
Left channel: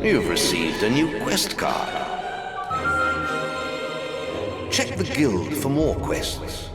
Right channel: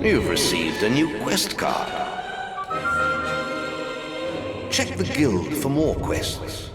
You've received a new quest card. Check the guild for more quests.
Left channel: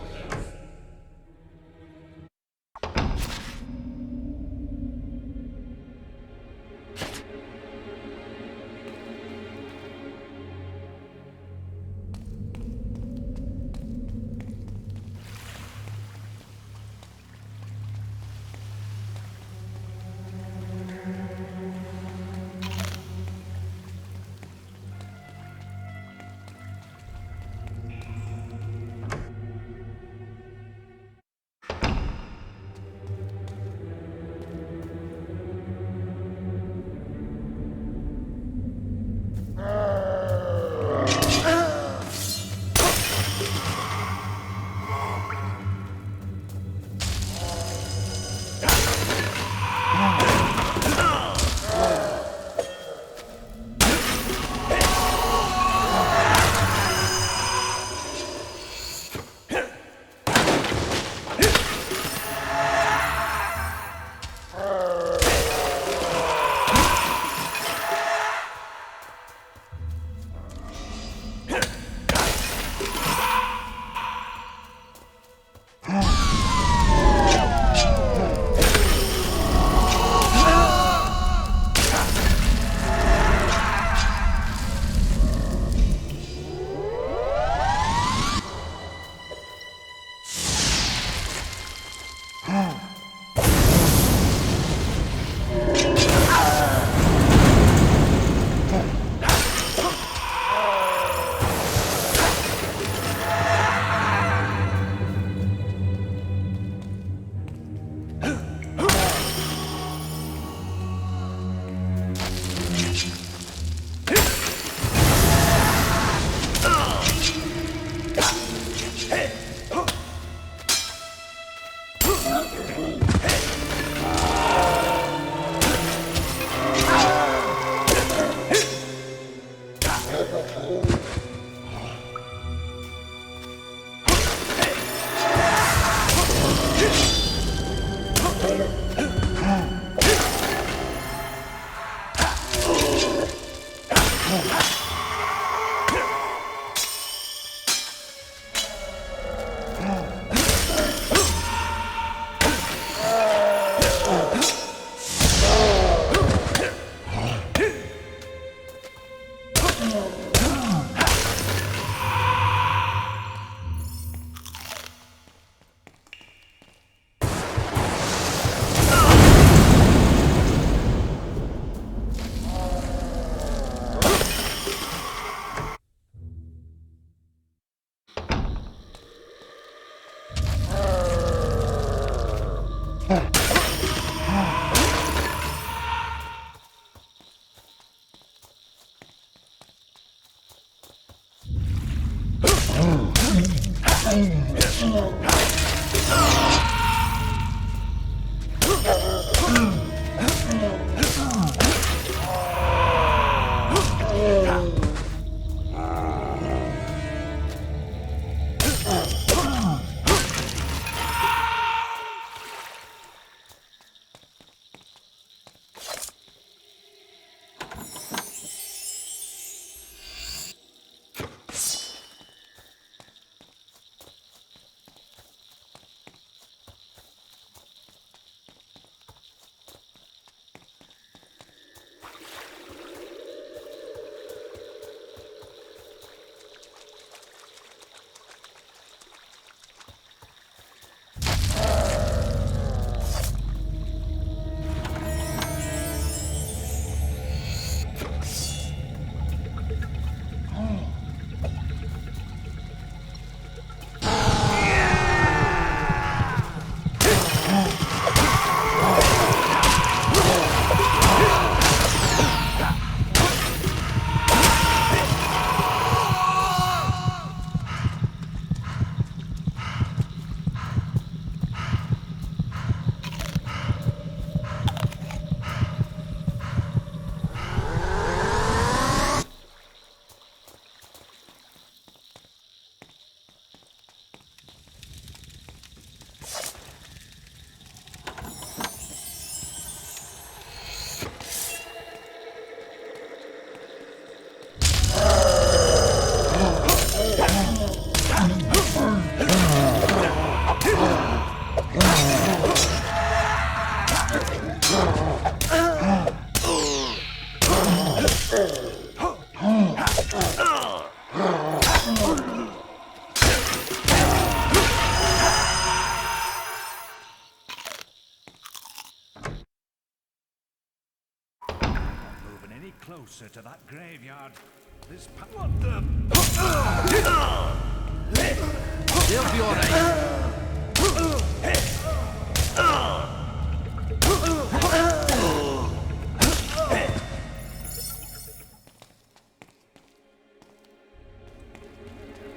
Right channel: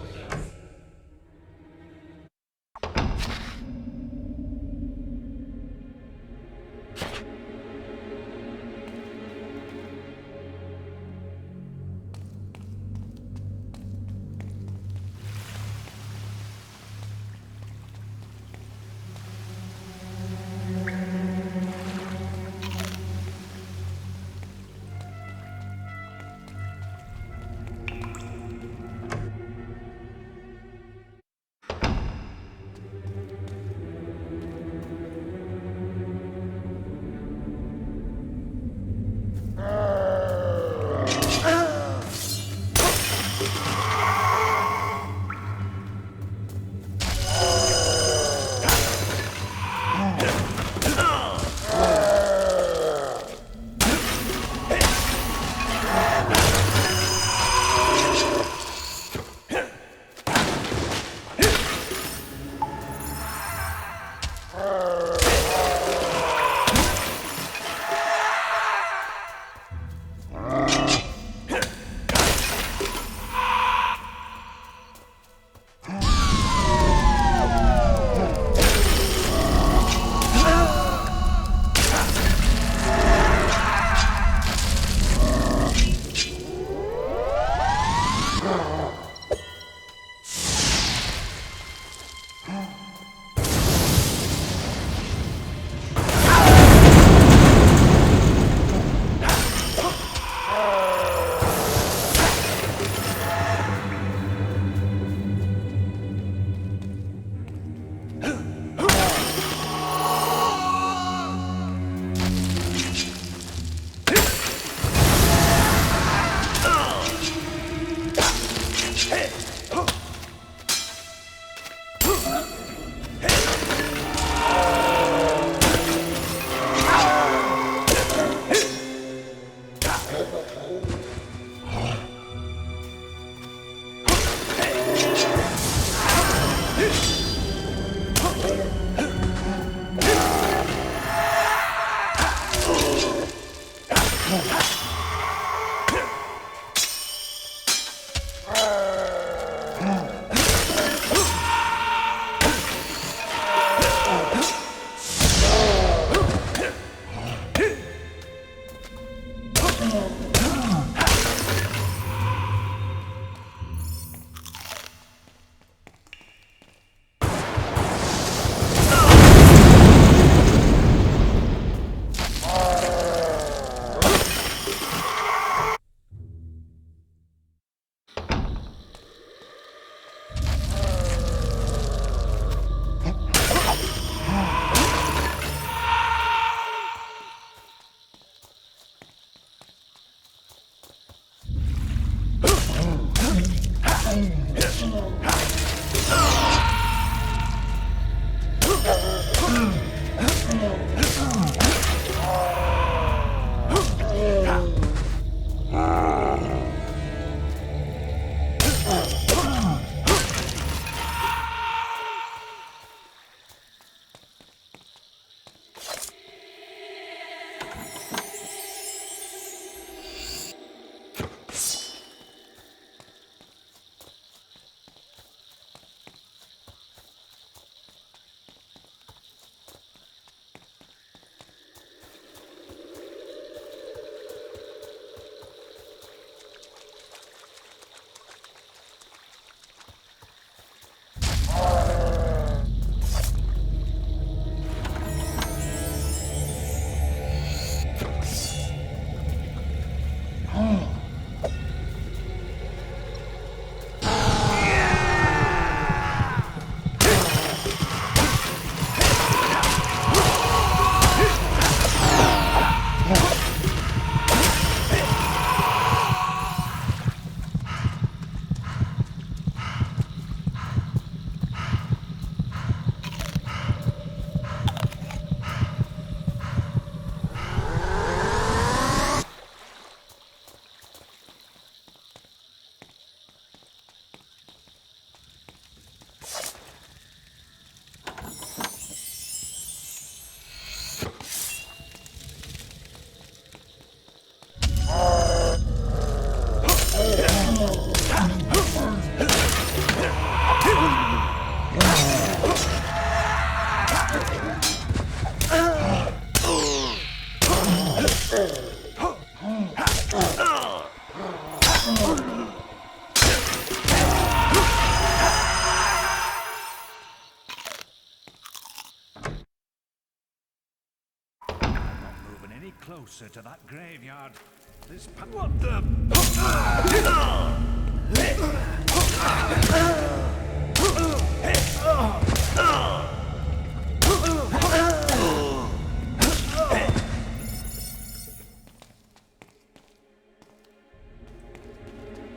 Closer to that graveyard. This what the?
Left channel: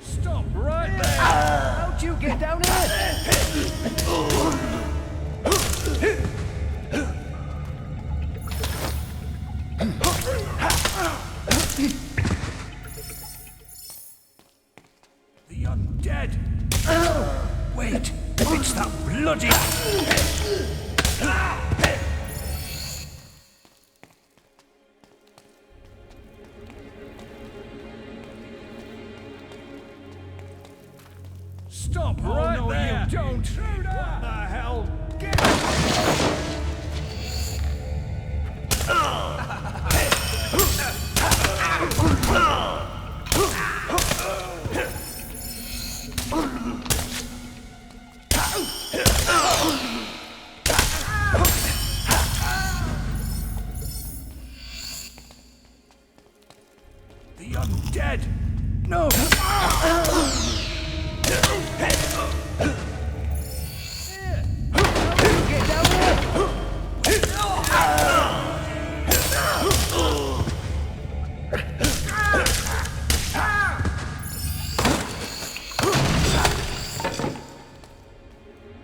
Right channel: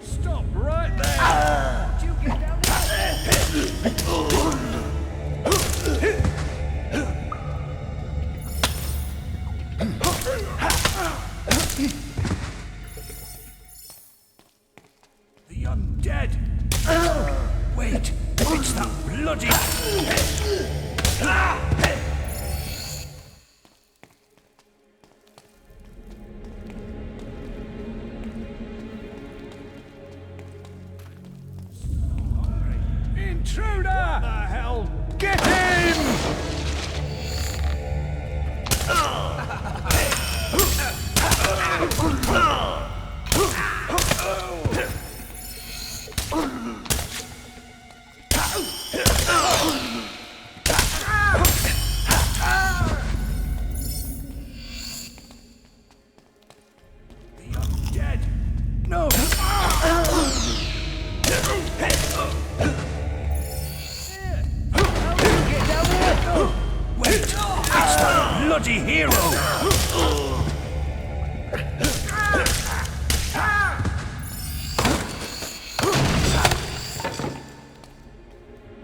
Stop right there! How'd you get down here? The undead! Wait, it's that bloody... Stop right there, you intruder! What the hell? Get him! The undead! No! Get down here! Wait! That's the bloody hero!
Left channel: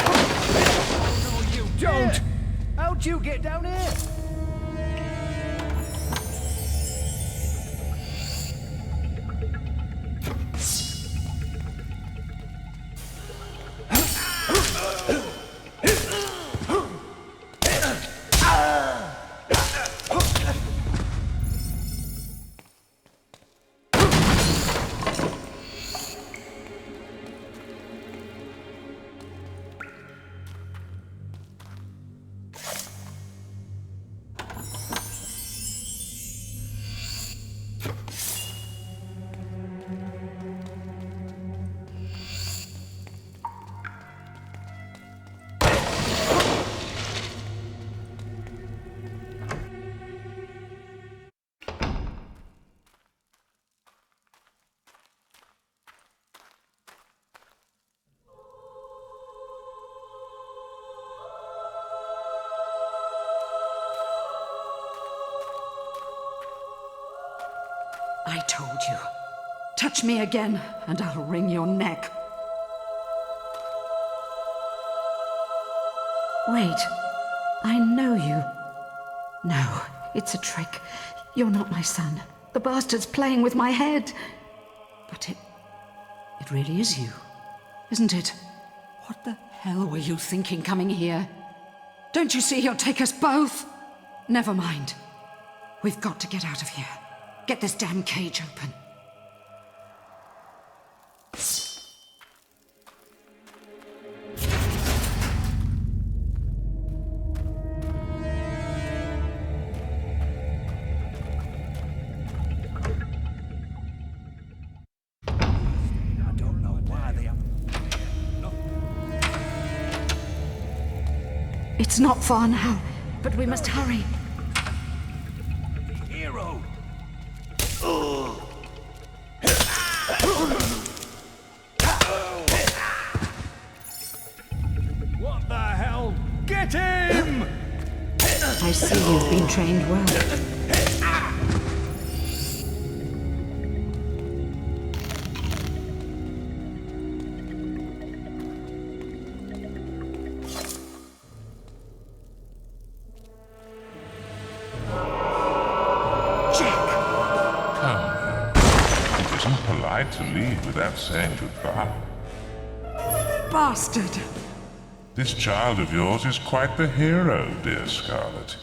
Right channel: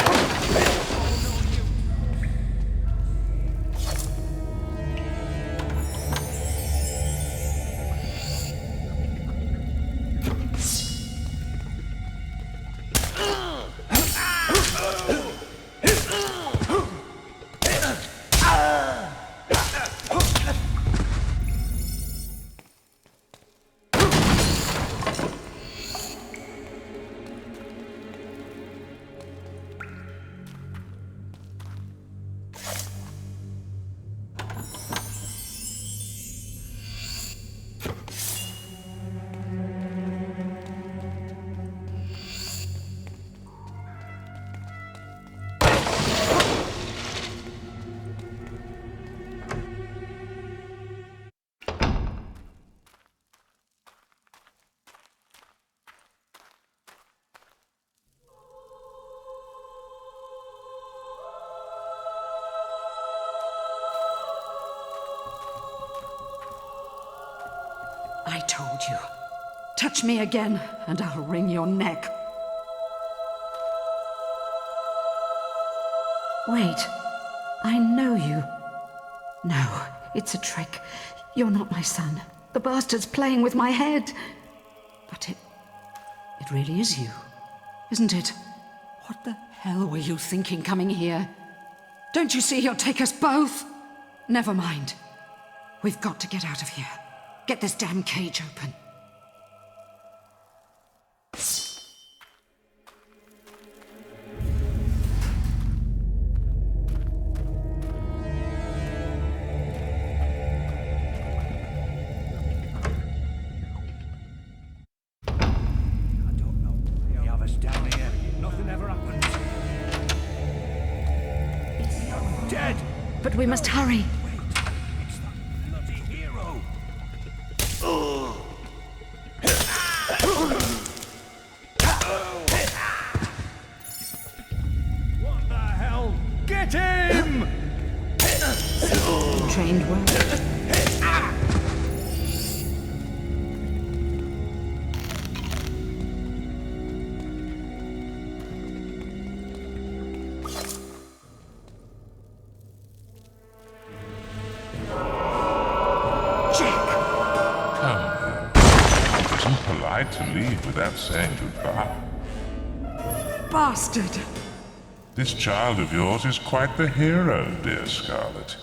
Oh no, you don't! How'd you get down here? I told you. Touch me again, and I'll wring your neck. Wait. I know you. No, it's a trick. You're not my son. The bastard's playing with my head. But it really is you, isn't it? What the hell were you thinking coming here? Don't you see he'll take us both? Never mind. We've got to get out of here. Get this damn cage open. It's not far now, but we must hurry. Hero! What the hell? Get him! I see you've been trained well. To leave without saying goodbye. Bastard! This child of yours is quite the hero, dear Scarlet.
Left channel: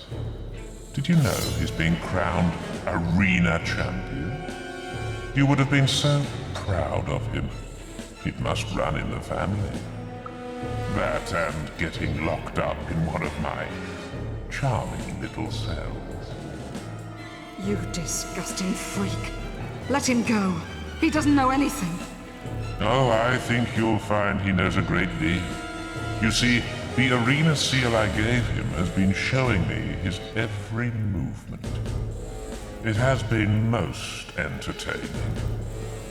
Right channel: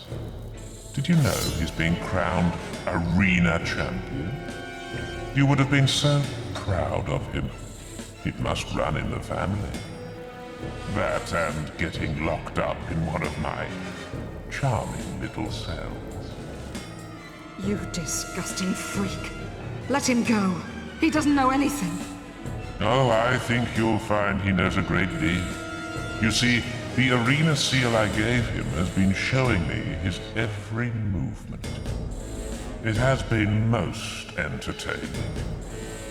Did you know he's being crowned arena champion? You would have been so proud of him. It must run in the family. That and getting locked up in one of my charming little cells. You disgusting freak. Let him go. He doesn't know anything. Oh, I think you'll find he knows a great deal. You see, the arena seal I gave him has been showing me his every movement. It has been most entertaining.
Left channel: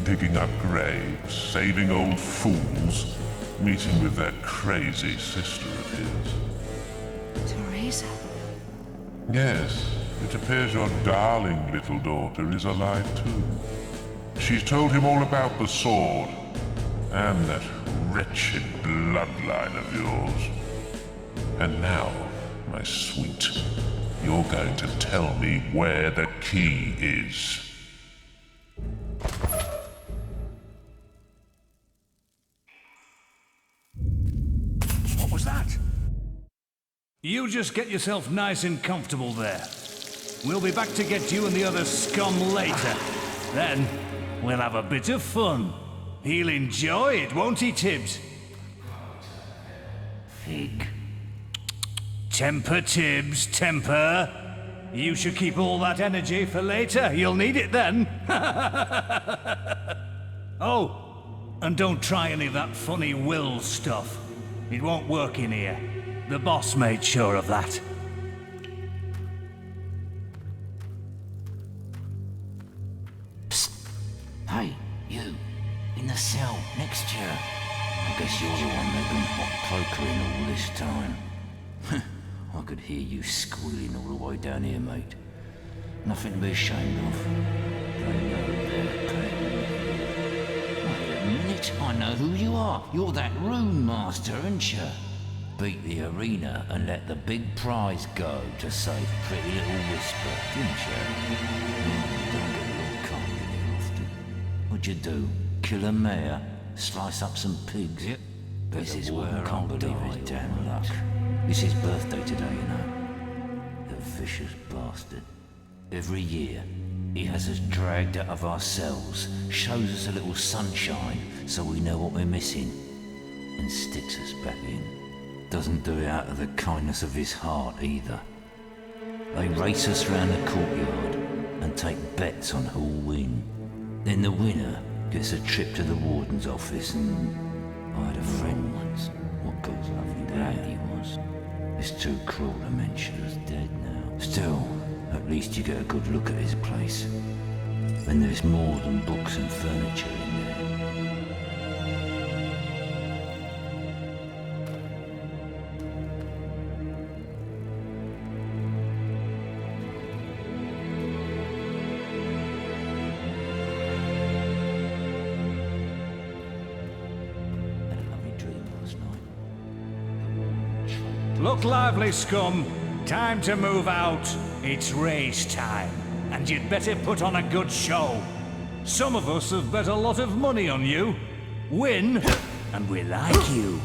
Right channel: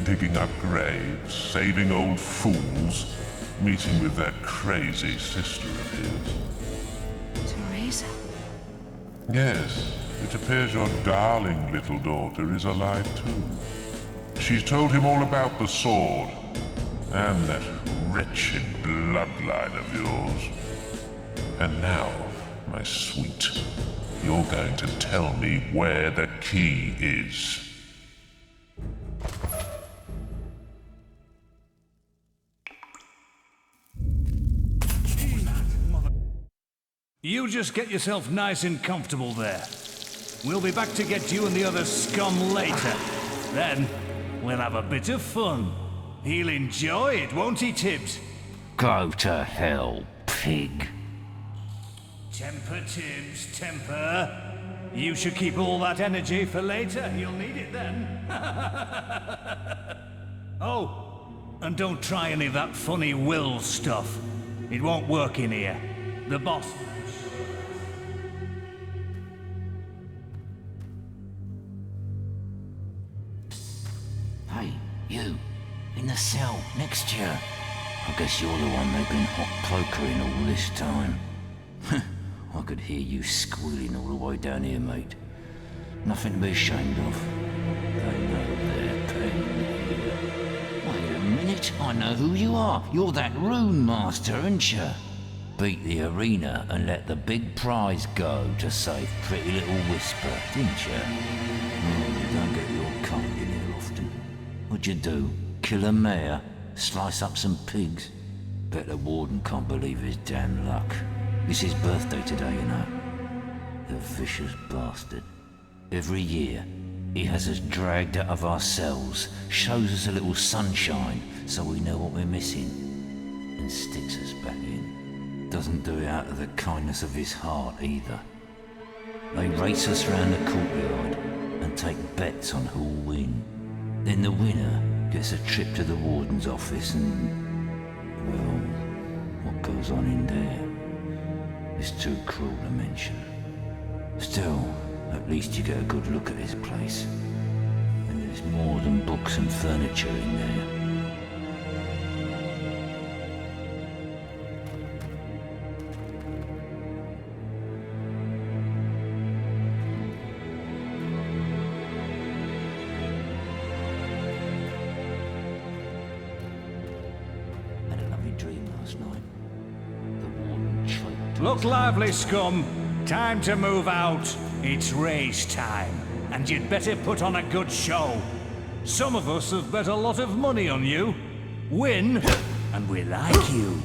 Digging up graves, saving old fools, meeting with that crazy sister of his. Teresa? Yes, it appears your darling little daughter is alive too. She's told him all about the sword, and that wretched bloodline of yours. And now, my sweet, you're going to tell me where the key is. What was that? You just get yourself nice and comfortable there. We'll be back to get you and the other scum later. Then, we'll have a bit of fun. He'll enjoy it, won't he, Tibbs? Go to hell, pig. Temper, Tibbs, temper. You should keep all that energy for later. You'll need it then. Oh, and don't try any of that funny will stuff. It won't work in here. The boss made sure of that. Hey, you, in the cell next to you. I guess you're the one they've been hot pokering all this time. I could hear you squealing all the way down here, mate. Nothing to be ashamed of. They know their pain here. Wait a minute, I know who you are. You're that rune master, aren't you? Beat the arena and let the big prize go to save pretty little Whisper, didn't you? Oh, you don't get your kind in here often. What'd you do? Kill a mare? Slice up some pigs? Bet the warden can't believe his damn luck. It's his birthday today, you know. The vicious bastard. Every year, he has us dragged out of our cells, shows us a little sunshine so we know what we're missing, and sticks us back in. Doesn't do it out of the kindness of his heart either. They race us round the courtyard and take bets on who'll win. Then the winner gets a trip to the warden's office and... I'd have thought, what goes on in there? It's too cruel to mention. Still, at least you get a good look at his place. And there's more than books and furniture in there. last night. The warden choked. Look lively, scum. Time to move out. It's race time, and you'd better put on a good show. Some of us have bet a lot of money on you. Win, and we like you.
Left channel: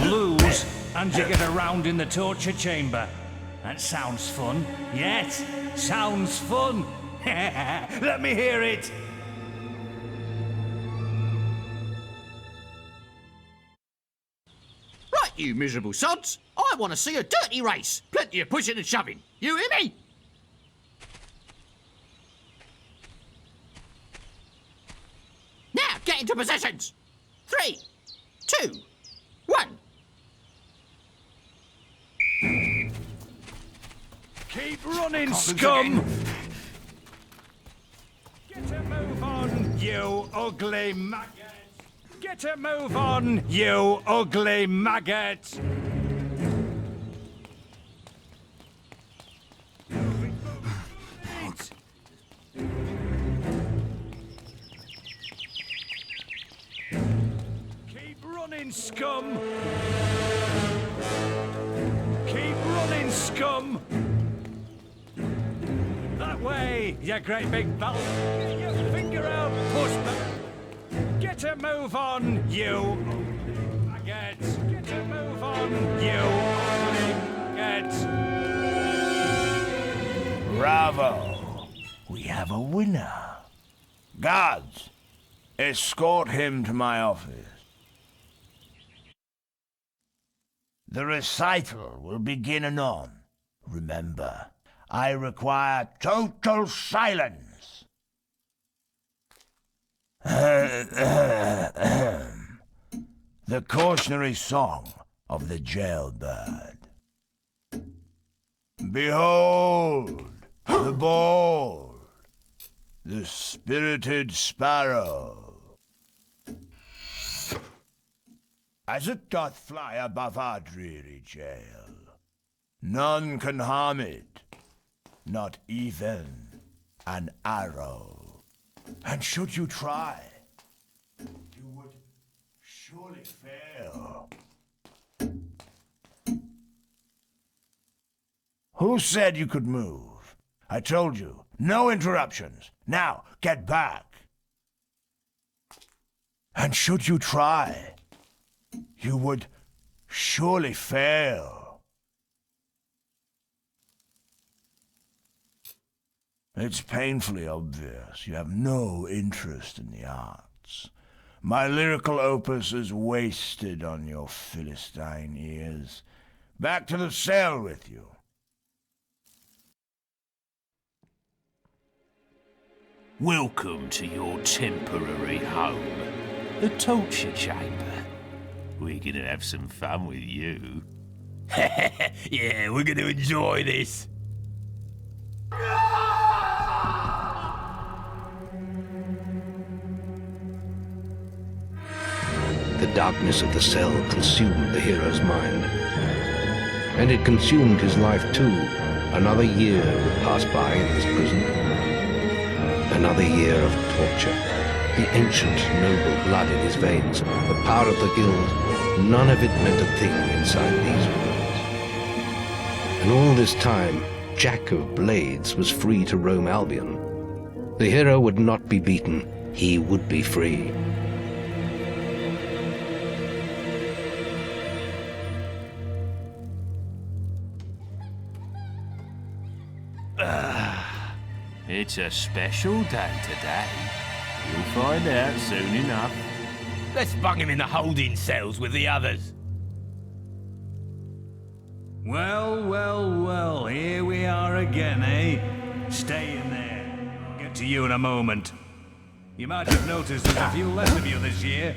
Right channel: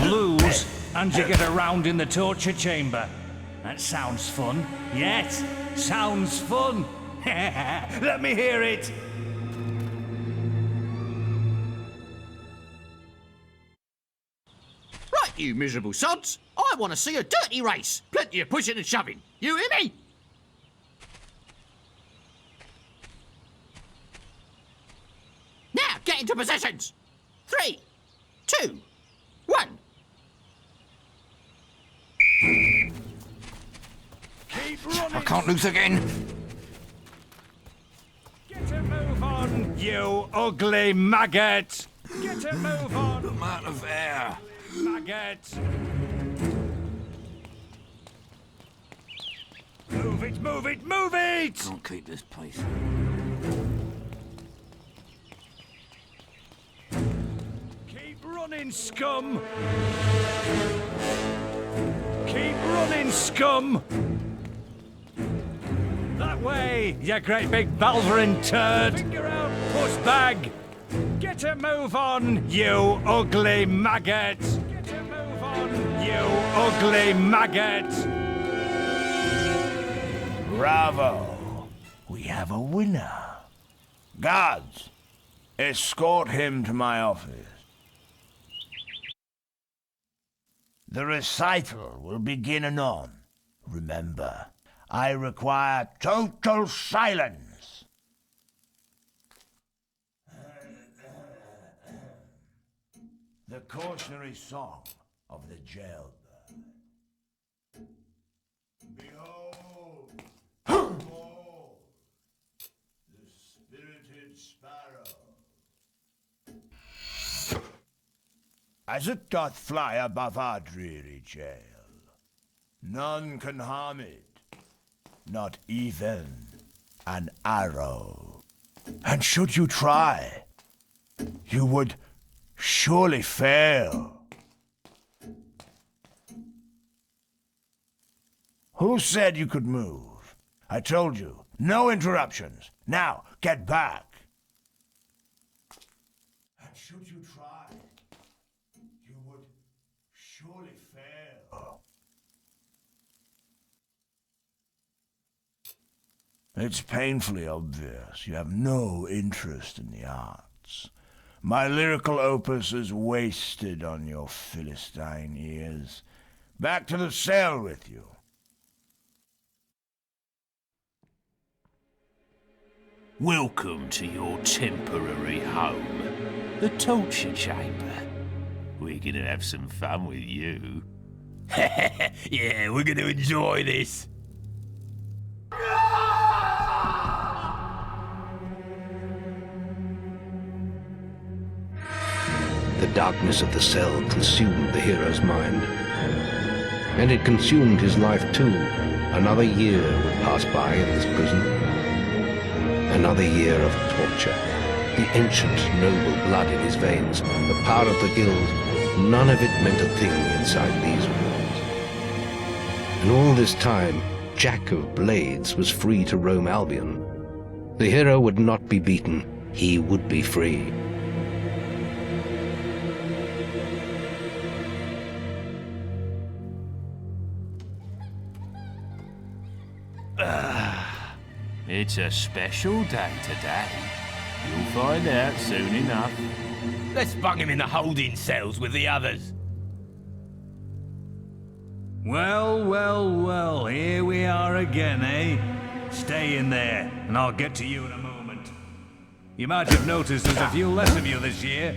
Lose, and you get a round in the torture chamber. That sounds fun. Yes, sounds fun. Let me hear it. Right, you miserable sods. I want to see a dirty race. Plenty of pushing and shoving. You hear me? Now, get into positions. 3, 2, 1. Keep running, I can't lose scum. again. Get a move on, you ugly maggot. Get a move on, you ugly maggot. Move it, move it, move it! I can't keep this place. Keep running, scum! Keep running, scum! That way, you great big balvering turd! Finger out, puss bag! Get a move on, you ugly maggot! Get a move on, you ugly maggot! Bravo! We have a winner. Guards, escort him to my office. The recital will begin anon. Remember, I require total silence. The cautionary song of the jailbird. Behold, the bold, the spirited sparrow. As it doth fly above our dreary jail, none can harm it, not even an arrow. And should you try, you would surely fail. Who said you could move? I told you, no interruptions. Now, get back. And should you try, you would surely fail. It's painfully obvious you have no interest in the arts. My lyrical opus is wasted on your Philistine ears. Back to the cell with you. Welcome to your temporary home, the torture chamber. We're gonna have some fun with you. Yeah, we're gonna enjoy this. The darkness of the cell consumed the hero's mind. And it consumed his life too. Another year would pass by in this prison. Another year of torture. The ancient, noble blood in his veins, the power of the guild, none of it meant a thing inside these walls. And all this time, Jack of Blades was free to roam Albion. The hero would not be beaten. He would be free. It's a special day today. You'll find out soon enough. Let's bung him in the holding cells with the others. Well, well, well, here we are again, eh? Stay in there, and I'll get to you in a moment. You might have noticed there's a few less of you this year.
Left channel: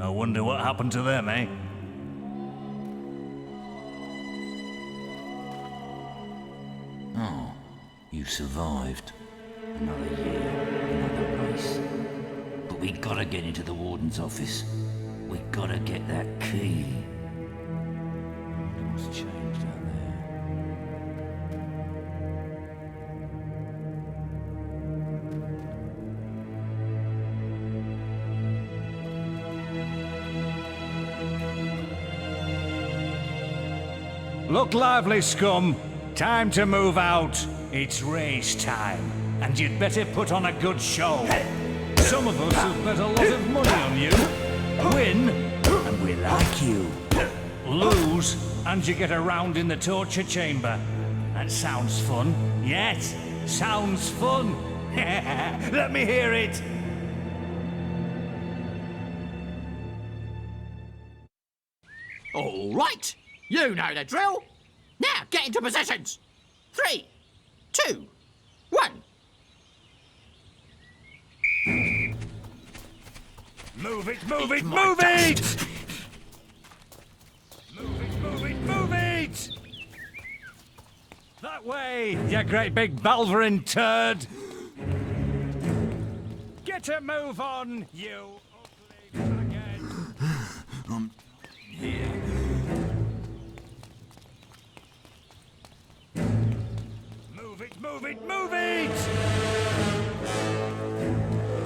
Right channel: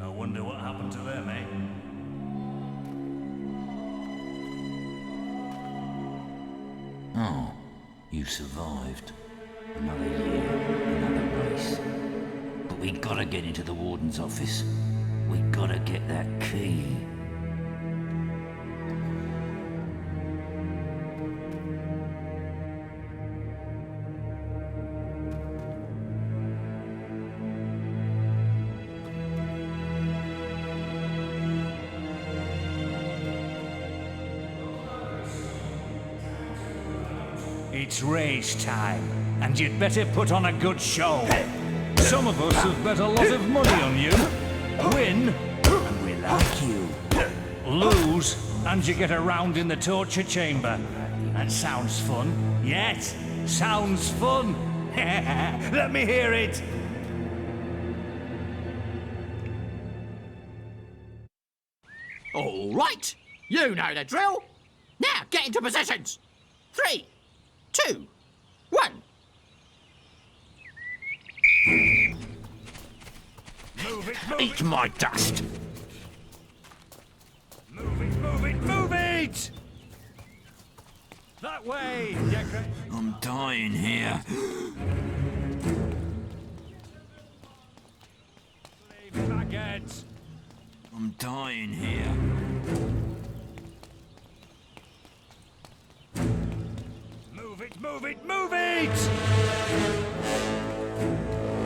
I wonder what happened to them, eh? Oh, you survived. Another year, another race. But we gotta get into the warden's office. We gotta get that key. What's changed out there? Look lively, scum. Time to move out. It's race time, and you'd better put on a good show. Some of us have bet a lot of money on you. Win, and we like you. Lose, and you get a round in the torture chamber. That sounds fun. Yes, sounds fun. Let me hear it. All right, you know the drill. Now get into positions. 3, 2, 1. Move it, move Eat it, my move dust. it! Move it, move it, move it! That way, you great big Balverin turd! Get a move on, you ugly faggot! I'm dying here. Move it, move it, move it!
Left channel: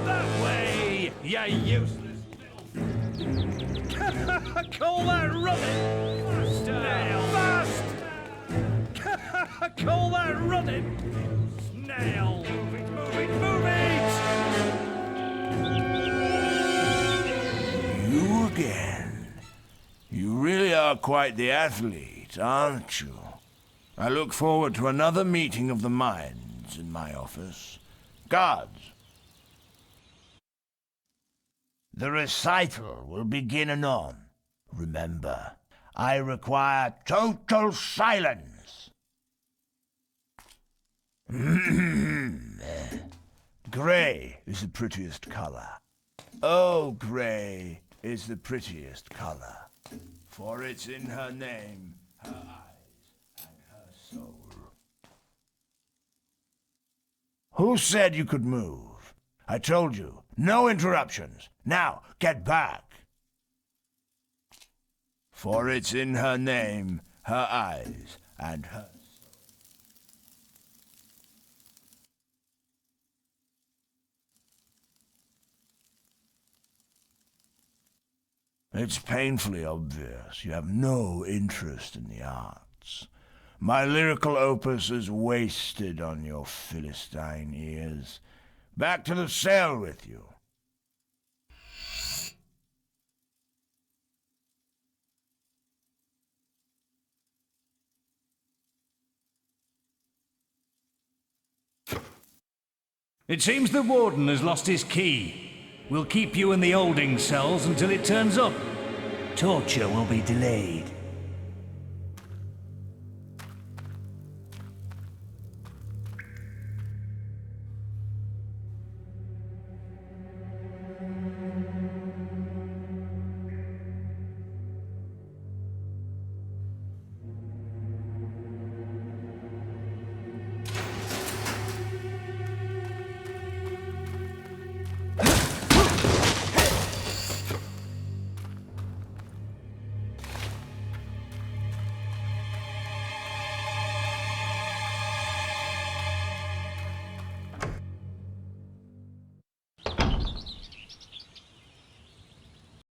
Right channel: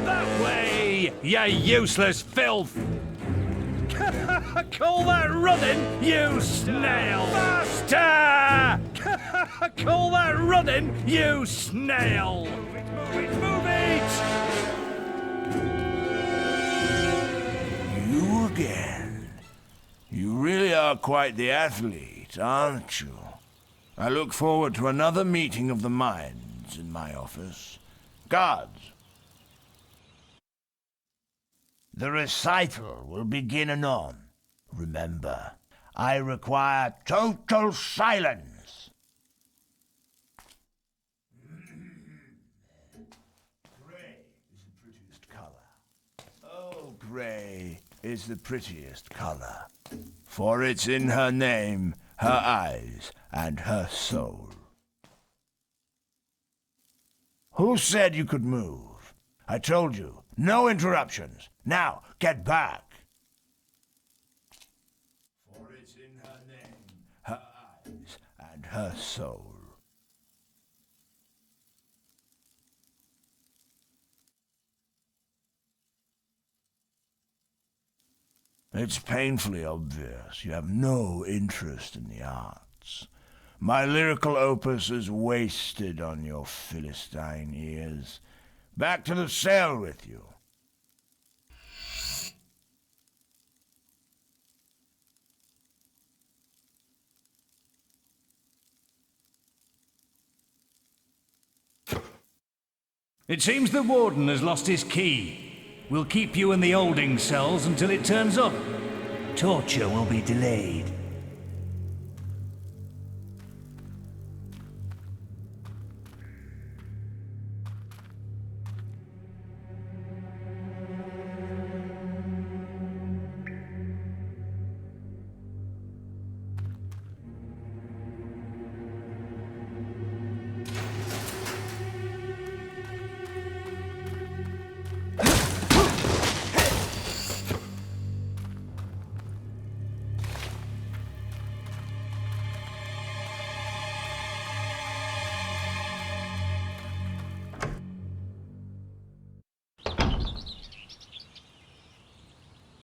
That way, you useless filth! Call that running, you snail! Faster! Call that running, you snail! Move it, move it, move it! You again. You really are quite the athlete, aren't you? I look forward to another meeting of the minds in my office. Guards! The recital will begin anon. Remember, I require total silence. Grey is the prettiest color. Oh, grey is the prettiest color. For it's in her name, her eyes, and her soul. Who said you could move? I told you, no interruptions. Now, get back. For it's in her name, her eyes, and her soul. It's painfully obvious you have no interest in the arts. My lyrical opus is wasted on your Philistine ears. Back to the cell with you. It seems the warden has lost his key. We'll keep you in the holding cells until it turns up. Torture will be delayed.